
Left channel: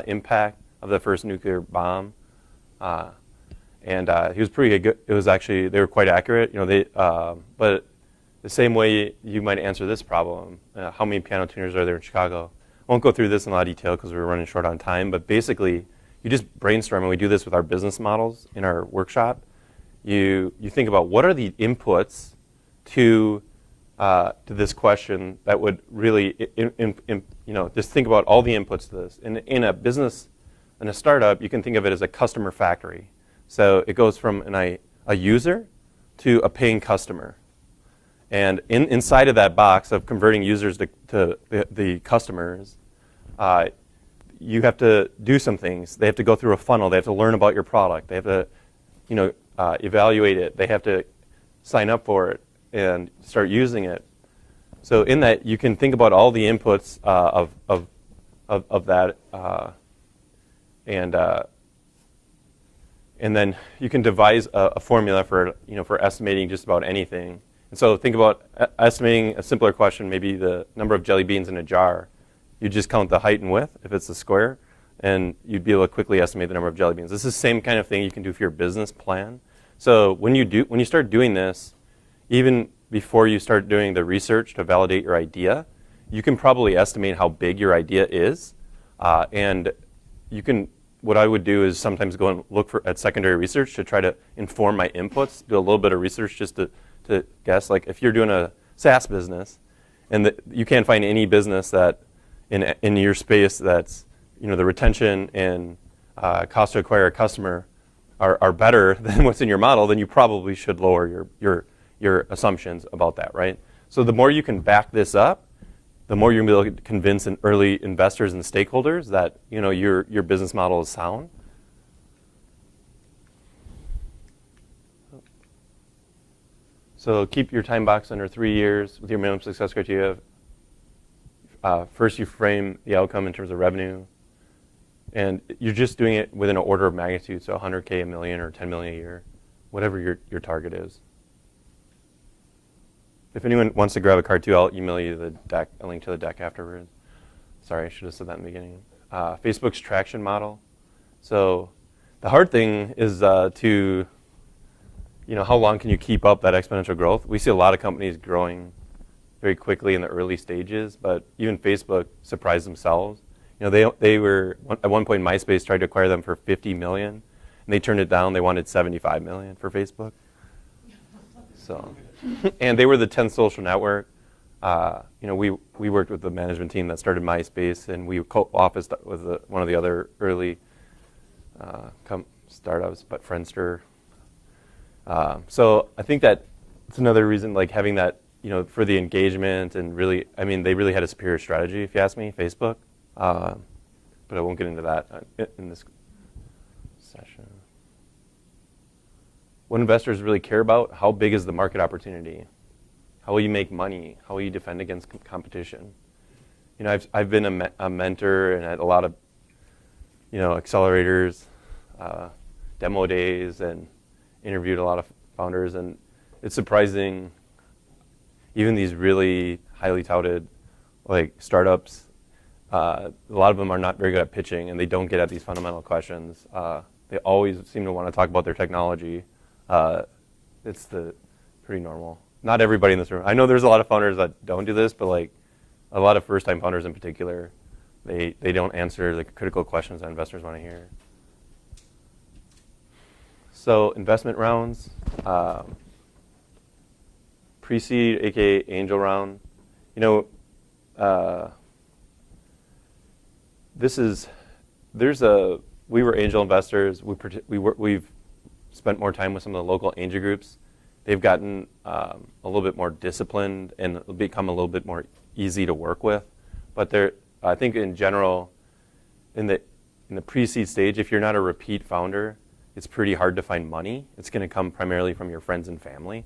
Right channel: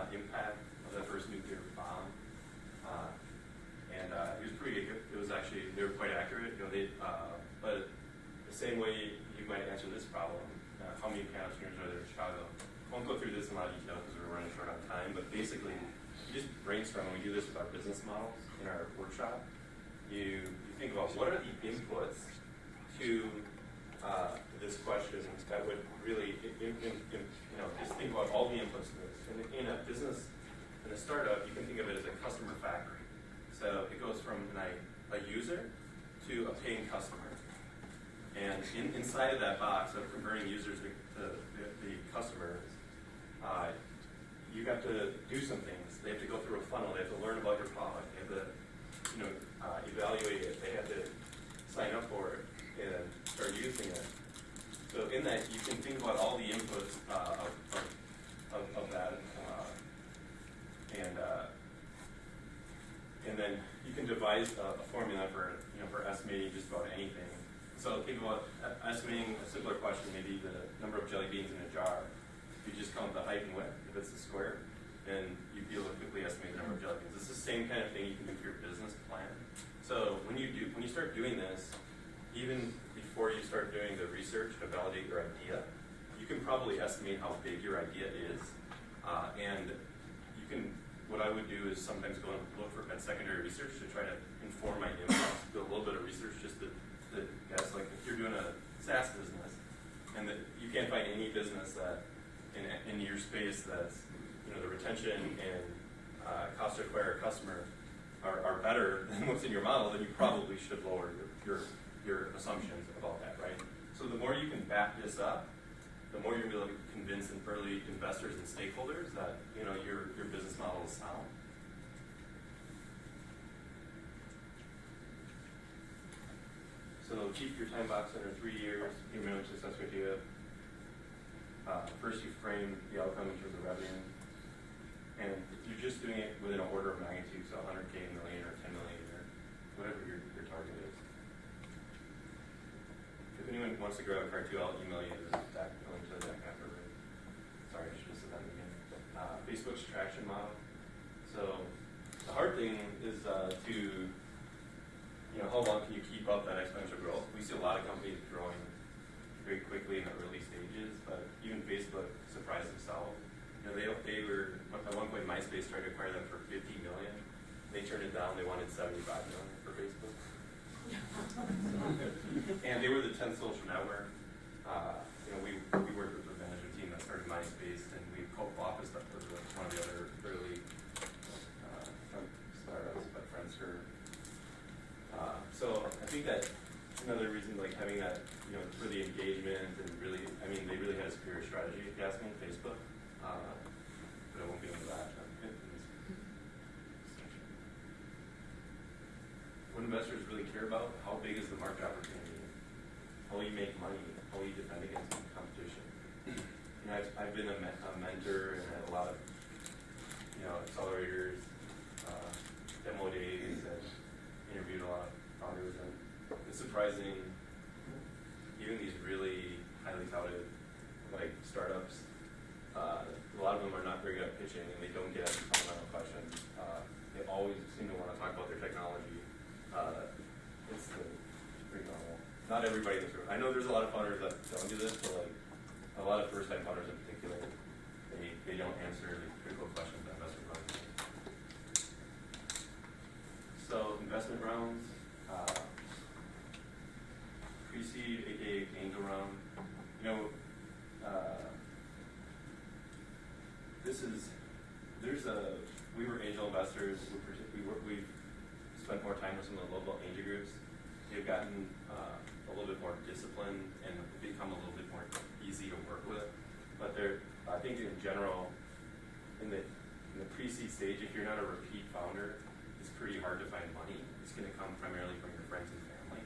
impact of the first nuclear bomb. And he was pretty good. It was actually, they were quite accurate. But the same way you might answer this problem, how many piano tuners are there in Chicago? I won't go through this in a lot of detail because we're running short on time, but basically you just brainstorm, and we do this with our business models in our workshop. You think about what are the inputs to this question that would really, just think about all the inputs to this. In a business, in a startup, you can think of it as a customer factory. So it goes from a user to a paying customer. And inside of that box of converting users to the customers, you have to do some things. They have to go through a funnel. They have to learn about your product. They have to evaluate it. They have to sign up for it and start using it. So in that, you can think about all the inputs of that, and then you can devise a formula for estimating just about anything. And so think about estimating a simpler question, maybe the number of jelly beans in a jar. You just count the height and width if it's a square, and you'd be able to quickly estimate the number of jelly beans. This is the same kind of thing you can do for your business plan. So when you start doing this, even before you start doing the research to validate your idea, you can probably estimate how big your idea is, and you can. What I would do is sometimes go and look at secondary research to try to inform my inputs, do a little bit of research just to guess. Like if you're doing a SaaS business and you can't find any business that in your space that's, the retention and cost to acquire a customer are better than what's in your model, then you probably should lower your assumptions about that, right? So the more you can back this up, the more you're going to be able to convince early investors and stakeholders that your business model is sound. So keep your time box under 3 years with your minimum success criteria. First, you frame the outcome in terms of revenue, and you're just doing it within an order of magnitude, so 100K, $1 million, or 10 million a year, whatever your target is. If anyone wants to grab a card too, I'll email you the deck, a link to the deck afterward. Sorry, I should have said that in the beginning. Facebook's traction model. So the hard thing is to, how long can you keep up that exponential growth? We see a lot of companies growing very quickly in the early stages, but even Facebook surprised themselves. They were, at one point, MySpace tried to acquire them for $50 million, and they turned it down. They wanted $75 million for Facebook. So, and they were the 10th social network. We worked with the management team that started MySpace, and we co-officed with one of the other early startups, Friendster. So I think that it's another reason, like having that for the engagement and really, I mean, they really had a superior strategy, if you ask me, Facebook. But I won't get into that in this session. What investors really care about, how big is the market opportunity? How will you make money? How will you defend against competition? I've been a mentor and at a lot of, accelerators, demo days, and interviewed a lot of founders, and it's surprising, even these really highly touted startups, a lot of them are not very good at pitching, and they don't get at these fundamental questions. They always seem to want to talk about their technology. It's pretty normal. Not everybody in this room. I know there's a lot of founders that don't do this, but a lot of first-time founders in particular, they don't answer the critical questions that investors want to hear. So investment rounds, pre-seed, aka angel round. We were angel investors. We've spent more time with some of the local angel groups. They've gotten a little bit more disciplined and become a little bit more easy to work with. But I think in general, in the pre-seed stage, if you're not a repeat founder, it's pretty hard to find money. It's going to come primarily from your friends and family.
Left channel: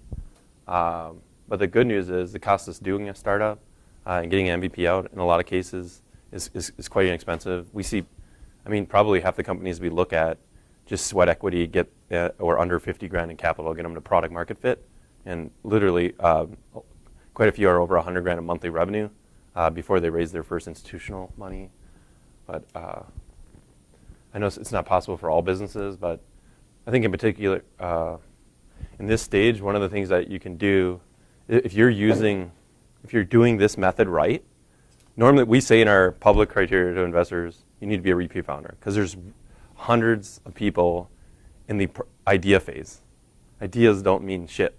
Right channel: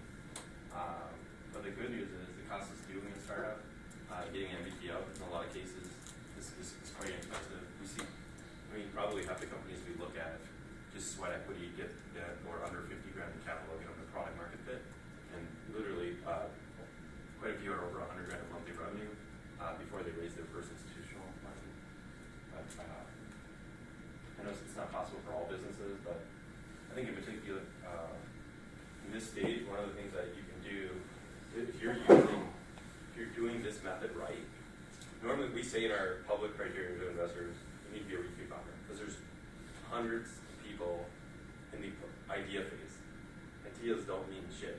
But the good news is the cost of doing a startup and getting an MVP out in a lot of cases is quite inexpensive. We see, probably half the companies we look at just sweat equity, get or under 50 grand in capital, get them to product market fit, and literally quite a few are over 100 grand in monthly revenue before they raise their first institutional money. But I know it's not possible for all businesses, but I think in particular in this stage, one of the things that you can do if you're doing this method right. Normally, we say in our public criteria to investors, you need to be a repeat founder because there's hundreds of people in the idea phase. Ideas don't mean shit.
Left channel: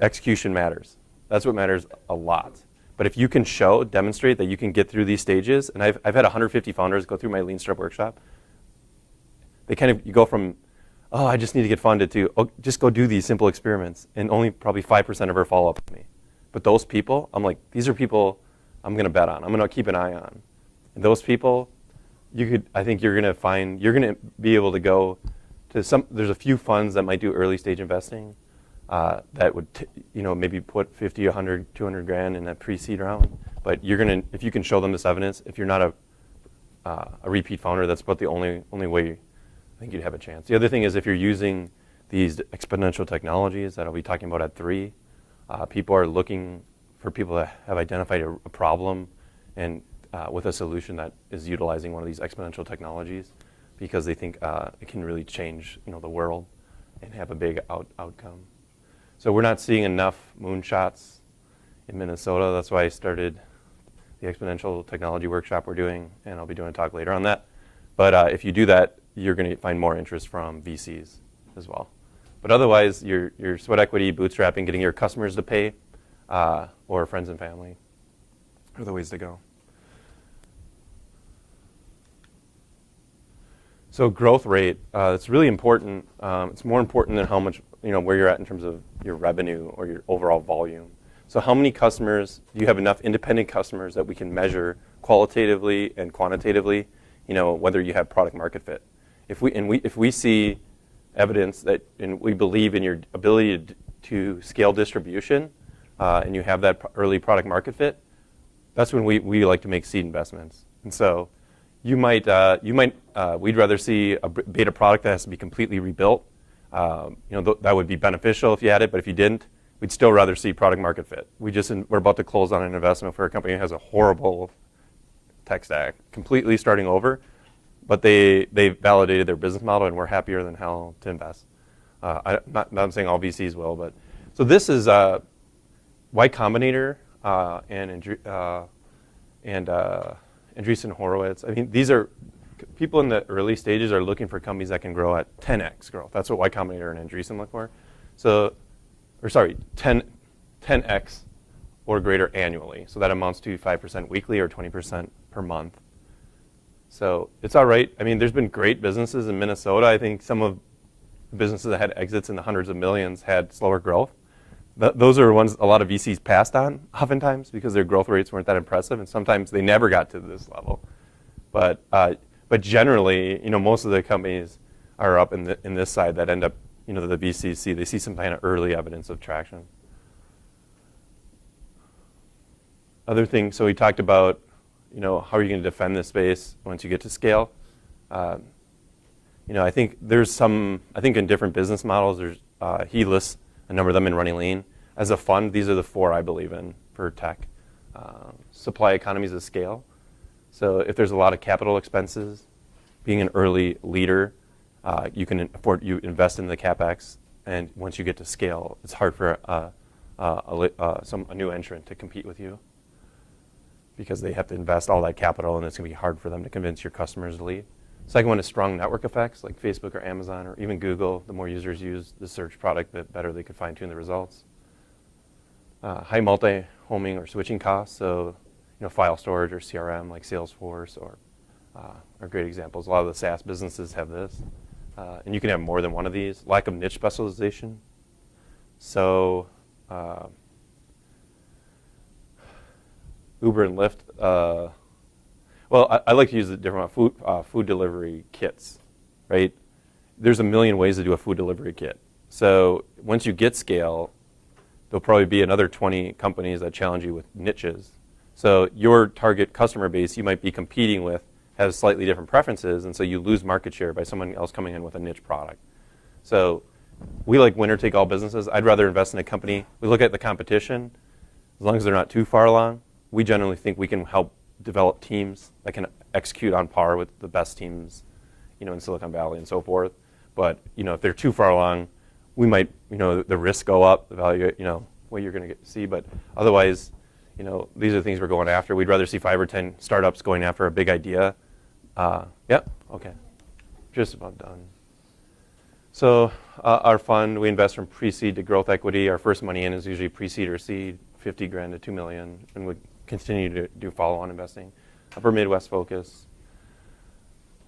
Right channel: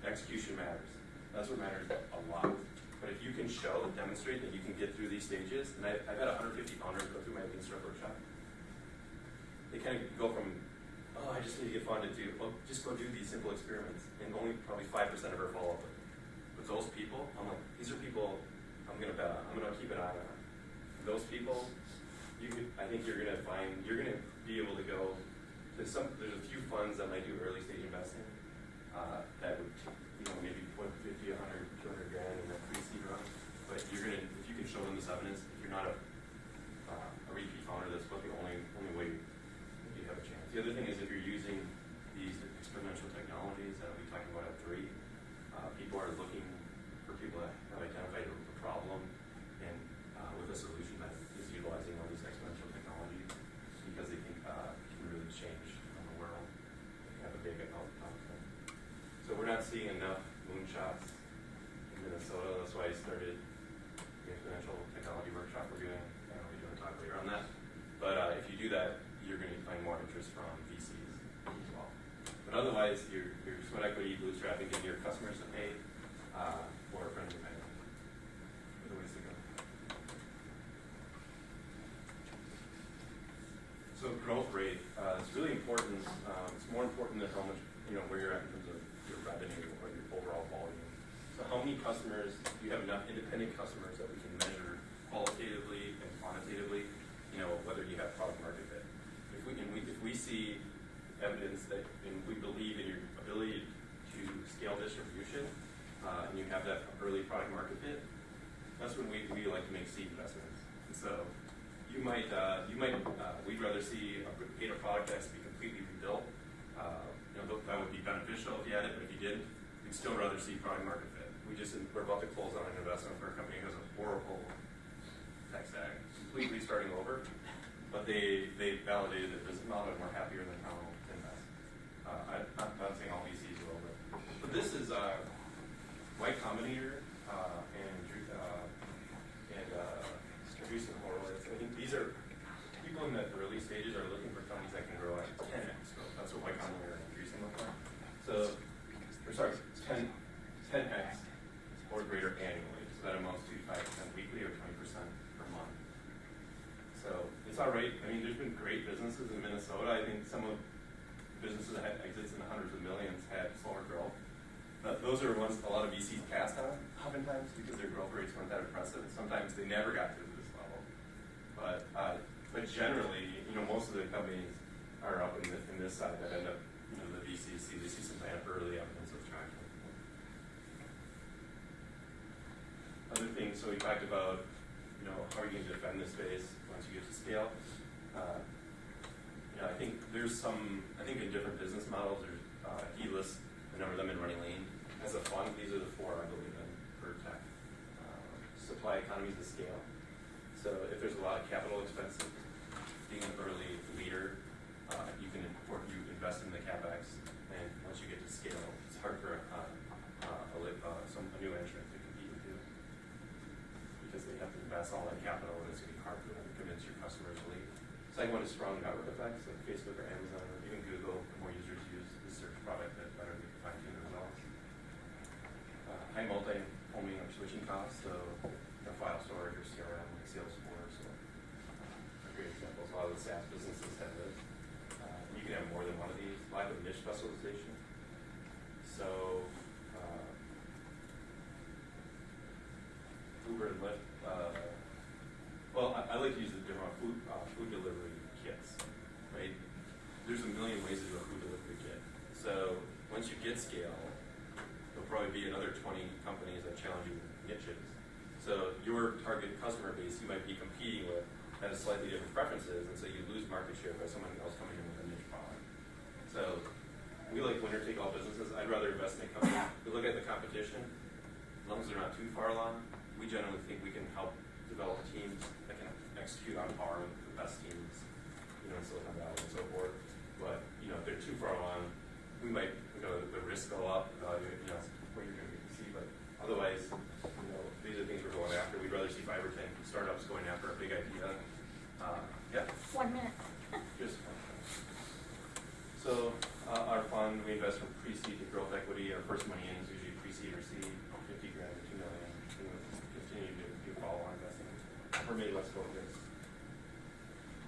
Execution matters. That's what matters a lot. But if you can demonstrate that you can get through these stages, and I've had 150 founders go through my Lean Startup workshop. You go from, I just need to get funded to, just go do these simple experiments, and only probably 5% ever follow up with me. But those people, I'm like, these are people I'm going to bet on. I'm going to keep an eye on. And those people, I think you're going to be able to go to there's a few funds that might do early stage investing that would, maybe put 50, 100, 200 grand in that pre-seed round. But if you can show them this evidence, if you're not a repeat founder, that's about the only way I think you'd have a chance. The other thing is if you're using these exponential technologies that I'll be talking about at 3, people are looking for people that have identified a problem and with a solution that is utilizing one of these exponential technologies because they think it can really change the world and have a big outcome. So we're not seeing enough moonshots in Minnesota. That's why I started the exponential technology workshop we're doing, and I'll be doing a talk later on that. But if you do that, you're going to find more interest from VCs as well. But otherwise, your sweat equity, bootstrapping, getting your customers to pay, or friends and family are the ways to go. So growth rate, it's really important. It's more important than how much, where you're at in terms of your revenue or your overall volume. So how many customers, do you have enough independent customers that we can measure qualitatively and quantitatively, whether you have product market fit? If we see evidence that, and we believe in your ability to scale distribution, and you have that early product market fit, that's when we like to make seed investments. And so we'd rather see a beta product that has to be completely rebuilt. That would be beneficial if you had it, but if you didn't, we'd still rather see product market fit. We're about to close on an investment for a company that has a horrible tech stack, completely starting over, but they validated their business model, and we're happier than hell to invest. Not saying all VCs will, but so this is Y Combinator and Andreessen Horowitz. These are people in the early stages are looking for companies that can grow at 10x growth. That's what Y Combinator and Andreessen look for. 10x or greater annually. So that amounts to 5% weekly or 20% per month. So it's all right. There's been great businesses in Minnesota. I think some of the businesses that had exits in the hundreds of millions had slower growth. those are ones a lot of VCs passed on oftentimes because their growth rates weren't that impressive, and sometimes they never got to this level. But generally, most of the companies are up in this side that end up, the VCs see. They see some kind of early evidence of traction. Other things, so we talked about, how are you going to defend this space once you get to scale? I think in different business models, he lists a number of them in Running Lean. As a fund, these are the 4 I believe in for tech. Supply economies of scale. So if there's a lot of capital expenses, being an early leader, you invest in the CapEx, and once you get to scale, it's hard for a new entrant to compete with you because they have to invest all that capital, and it's going to be hard for them to convince your customers to leave. Second one is strong network effects, like Facebook or Amazon or even Google. The more users use the search product, the better they can fine-tune the results. High multi-homing or switching costs, so file storage or CRM like Salesforce are great examples. A lot of the SaaS businesses have this. And you can have more than one of these. Lack of niche specialization. So Uber and Lyft, I like to use a different food delivery kits, right? There's a million ways to do a food delivery kit. So once you get scale, there'll probably be another 20 companies that challenge you with niches. So your target customer base you might be competing with has slightly different preferences, and so you lose market share by someone else coming in with a niche product. So we like winner-take-all businesses. I'd rather invest in a company. We look at the competition. As long as they're not too far along, we generally think we can help develop teams that can execute on par with the best teams, in Silicon Valley and so forth. But if they're too far along, we might, the risks go up, the value, what you're going to see. But otherwise, these are the things we're going after. We'd rather see 5 or 10 startups going after a big idea. Yep. Okay. Just about done. So our fund, we invest from pre-seed to growth equity. Our first money in is usually pre-seed or seed, $50,000 to $2 million, and would continue to do follow-on investing. Upper Midwest focus.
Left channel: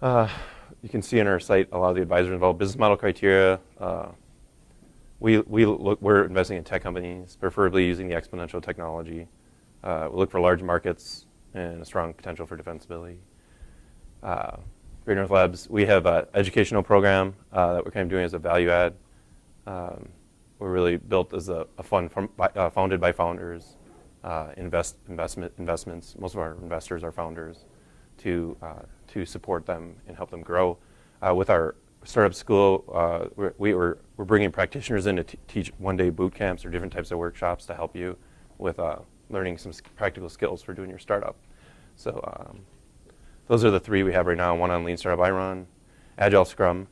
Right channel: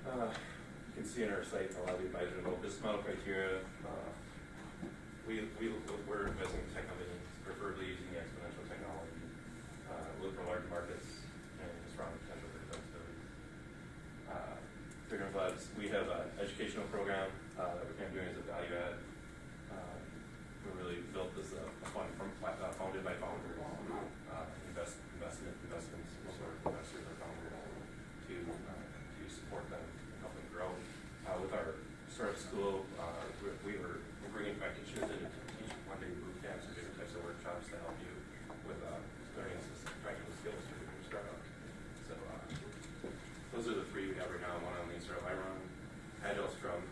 You can see on our site a lot of the advisors involved. Business model criteria. We're investing in tech companies, preferably using the exponential technology. We look for large markets and a strong potential for defensibility. Great North Labs, we have an educational program that we're kind of doing as a value add. We're really built as a fund founded by founders, investments. Most of our investors are founders to support them and help them grow. With our startup school, we're bringing practitioners in to teach one-day boot camps or different types of workshops to help you with learning some practical skills for doing your startup. So those are the 3 we have right now. One on Lean Startup I run, Agile Scrum,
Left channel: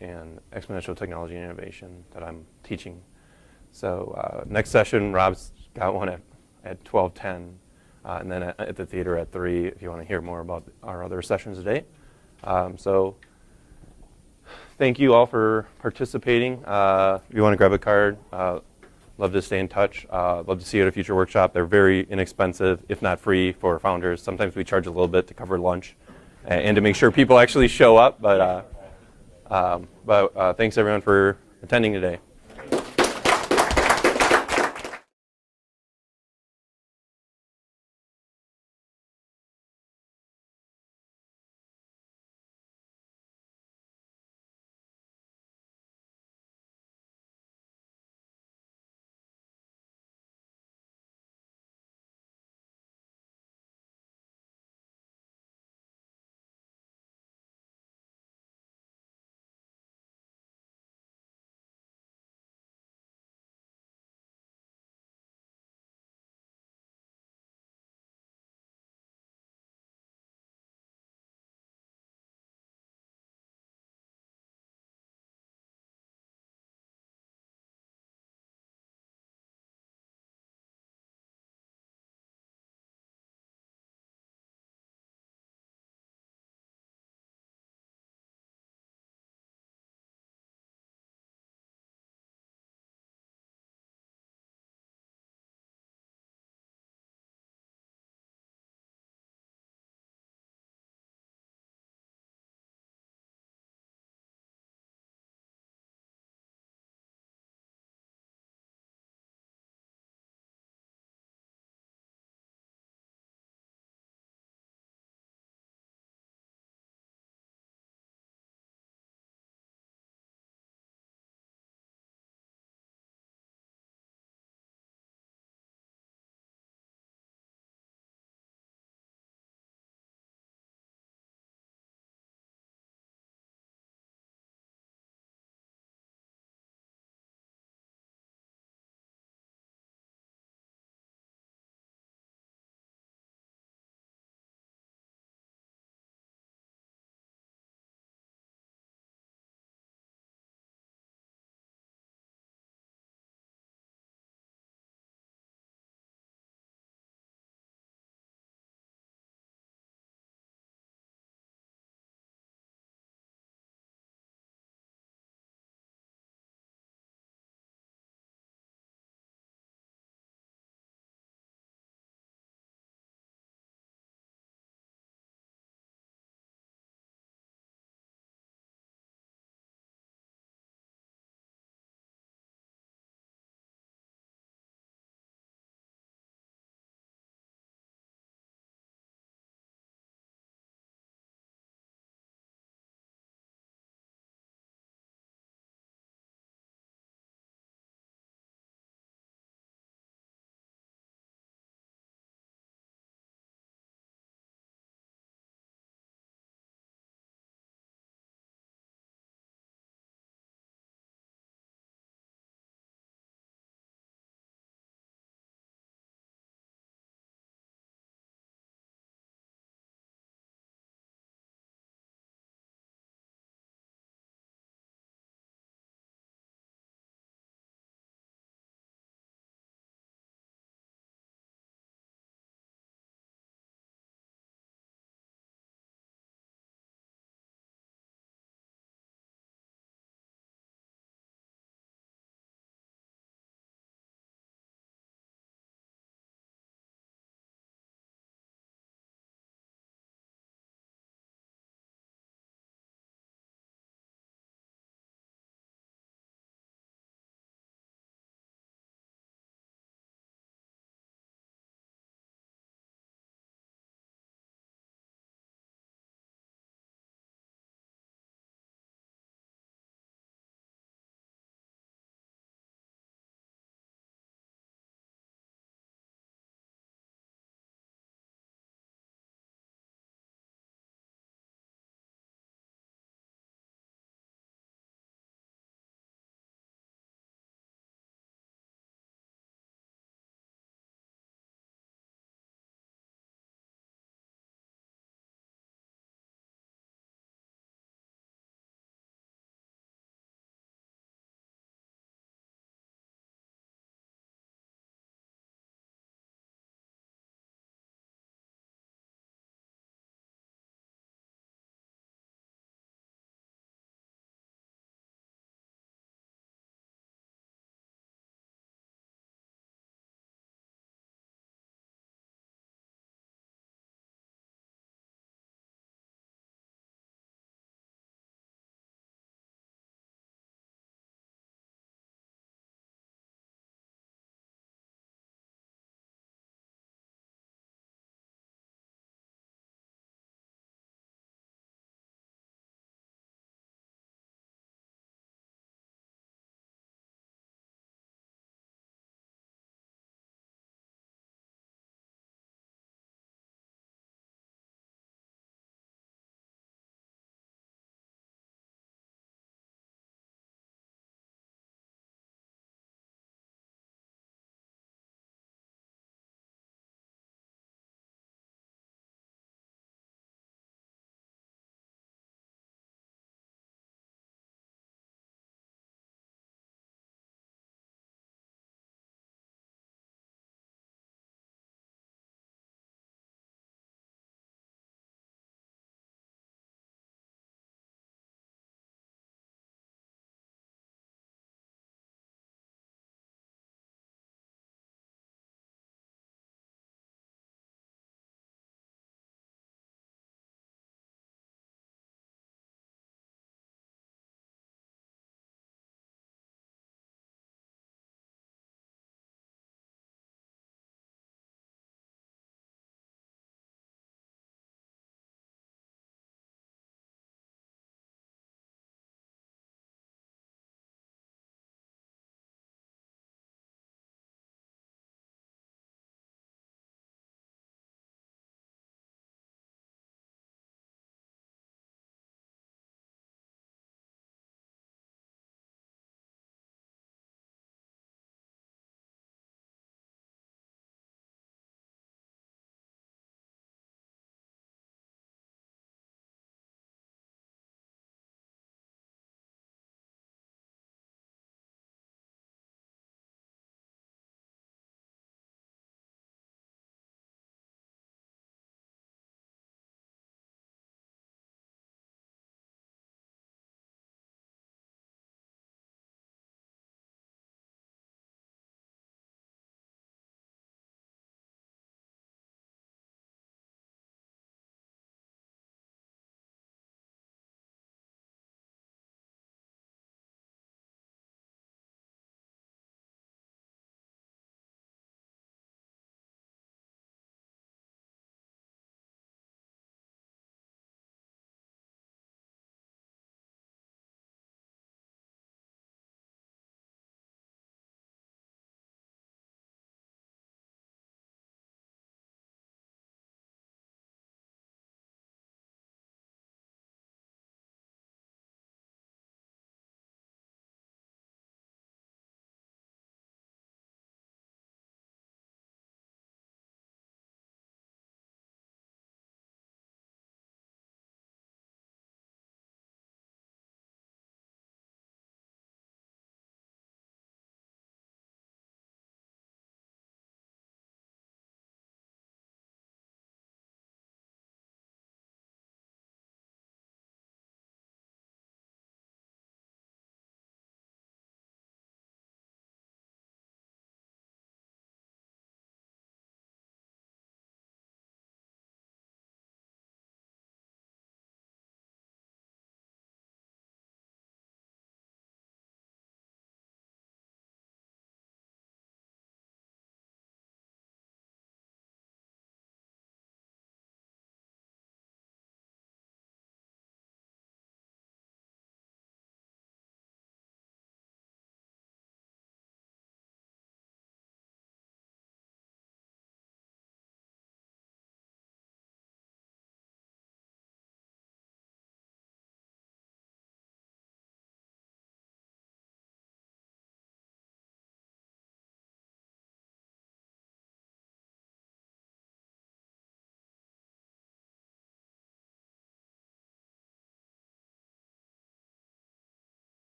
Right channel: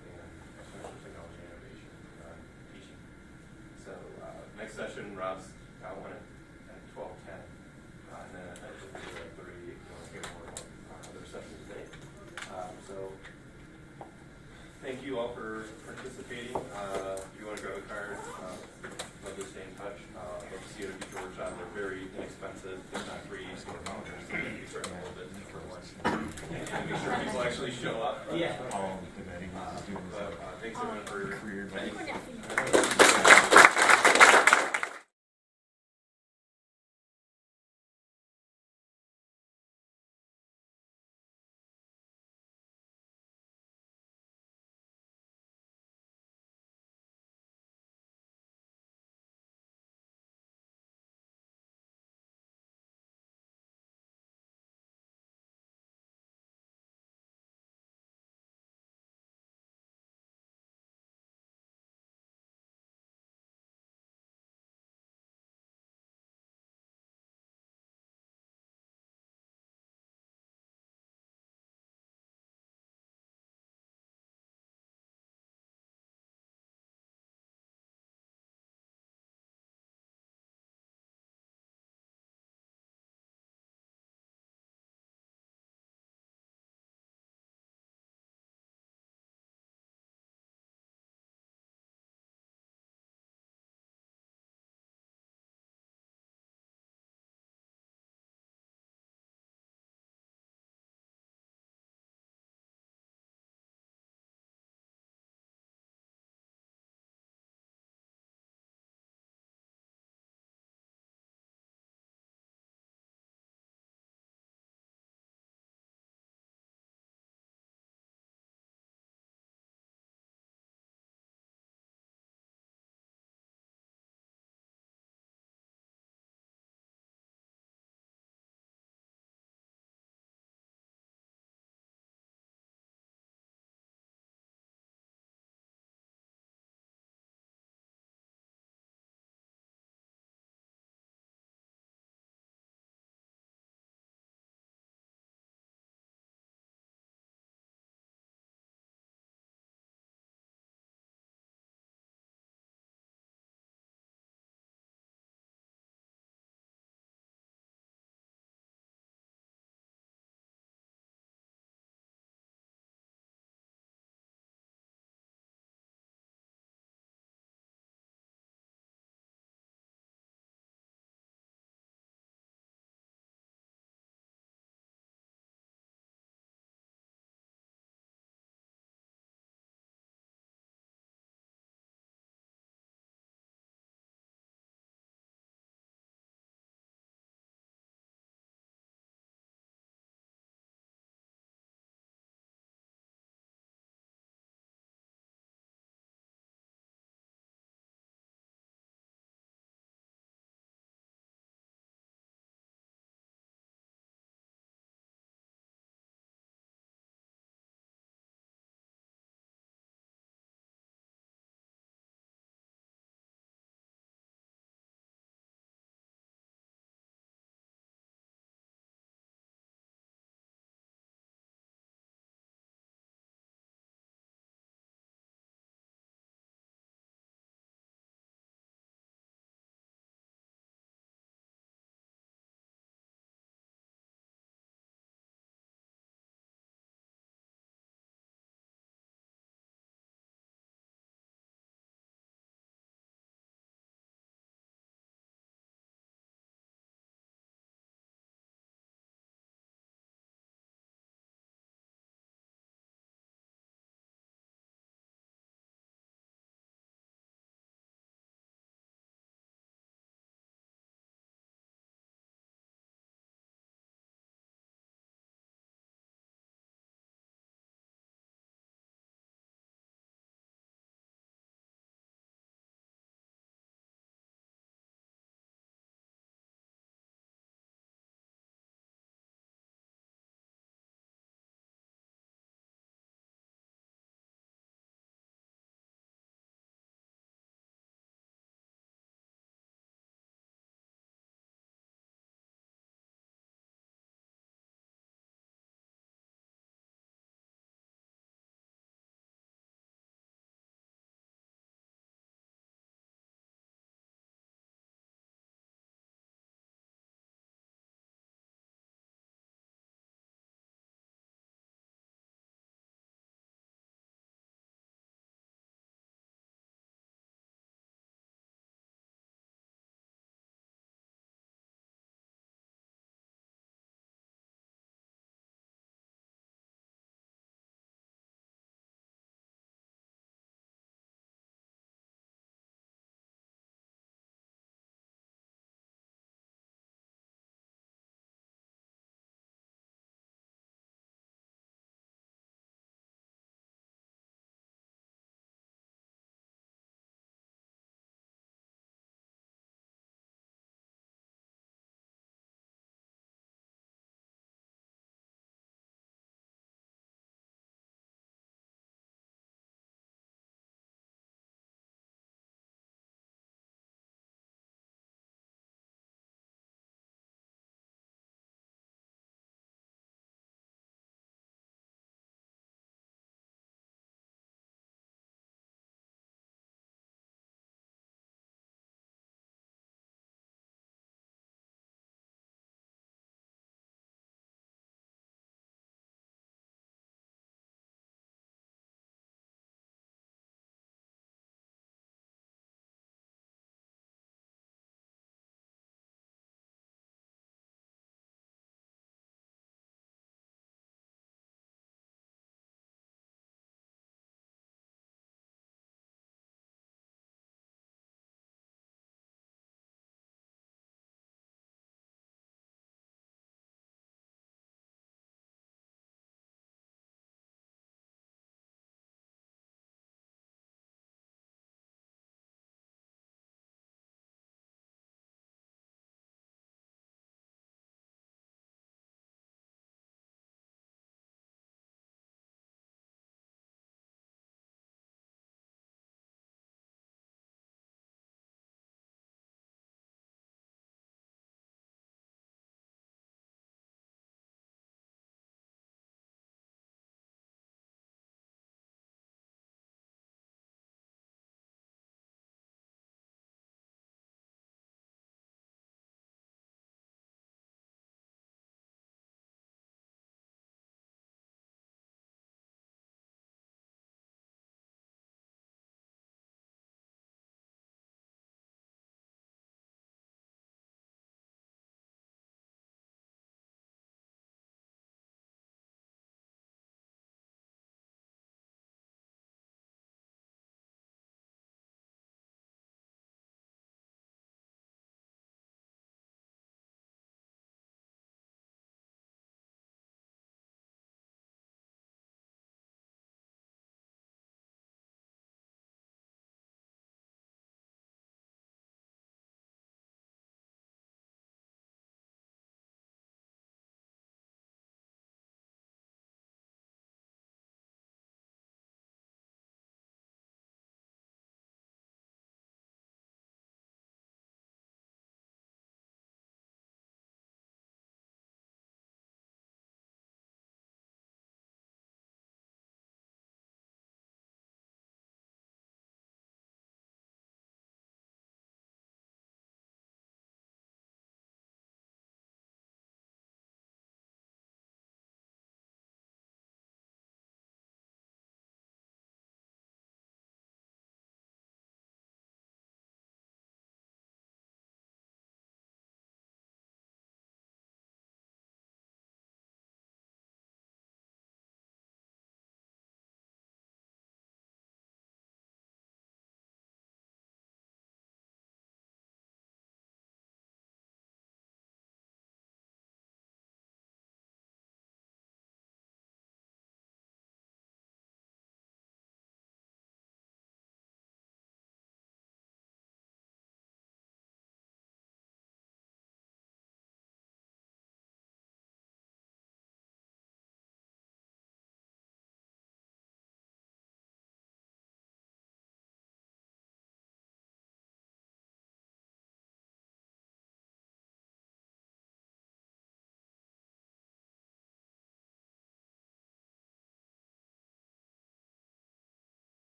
and Exponential Technology and Innovation that I'm teaching. So next session, Rob's got one at 12:10, and then at the theater at 3 if you want to hear more about our other sessions today. So thank you all for participating. If you want to grab a card, love to stay in touch. Love to see you at a future workshop. They're very inexpensive, if not free, for founders. Sometimes we charge a little bit to cover lunch and to make sure people actually show up. But thanks everyone for attending today.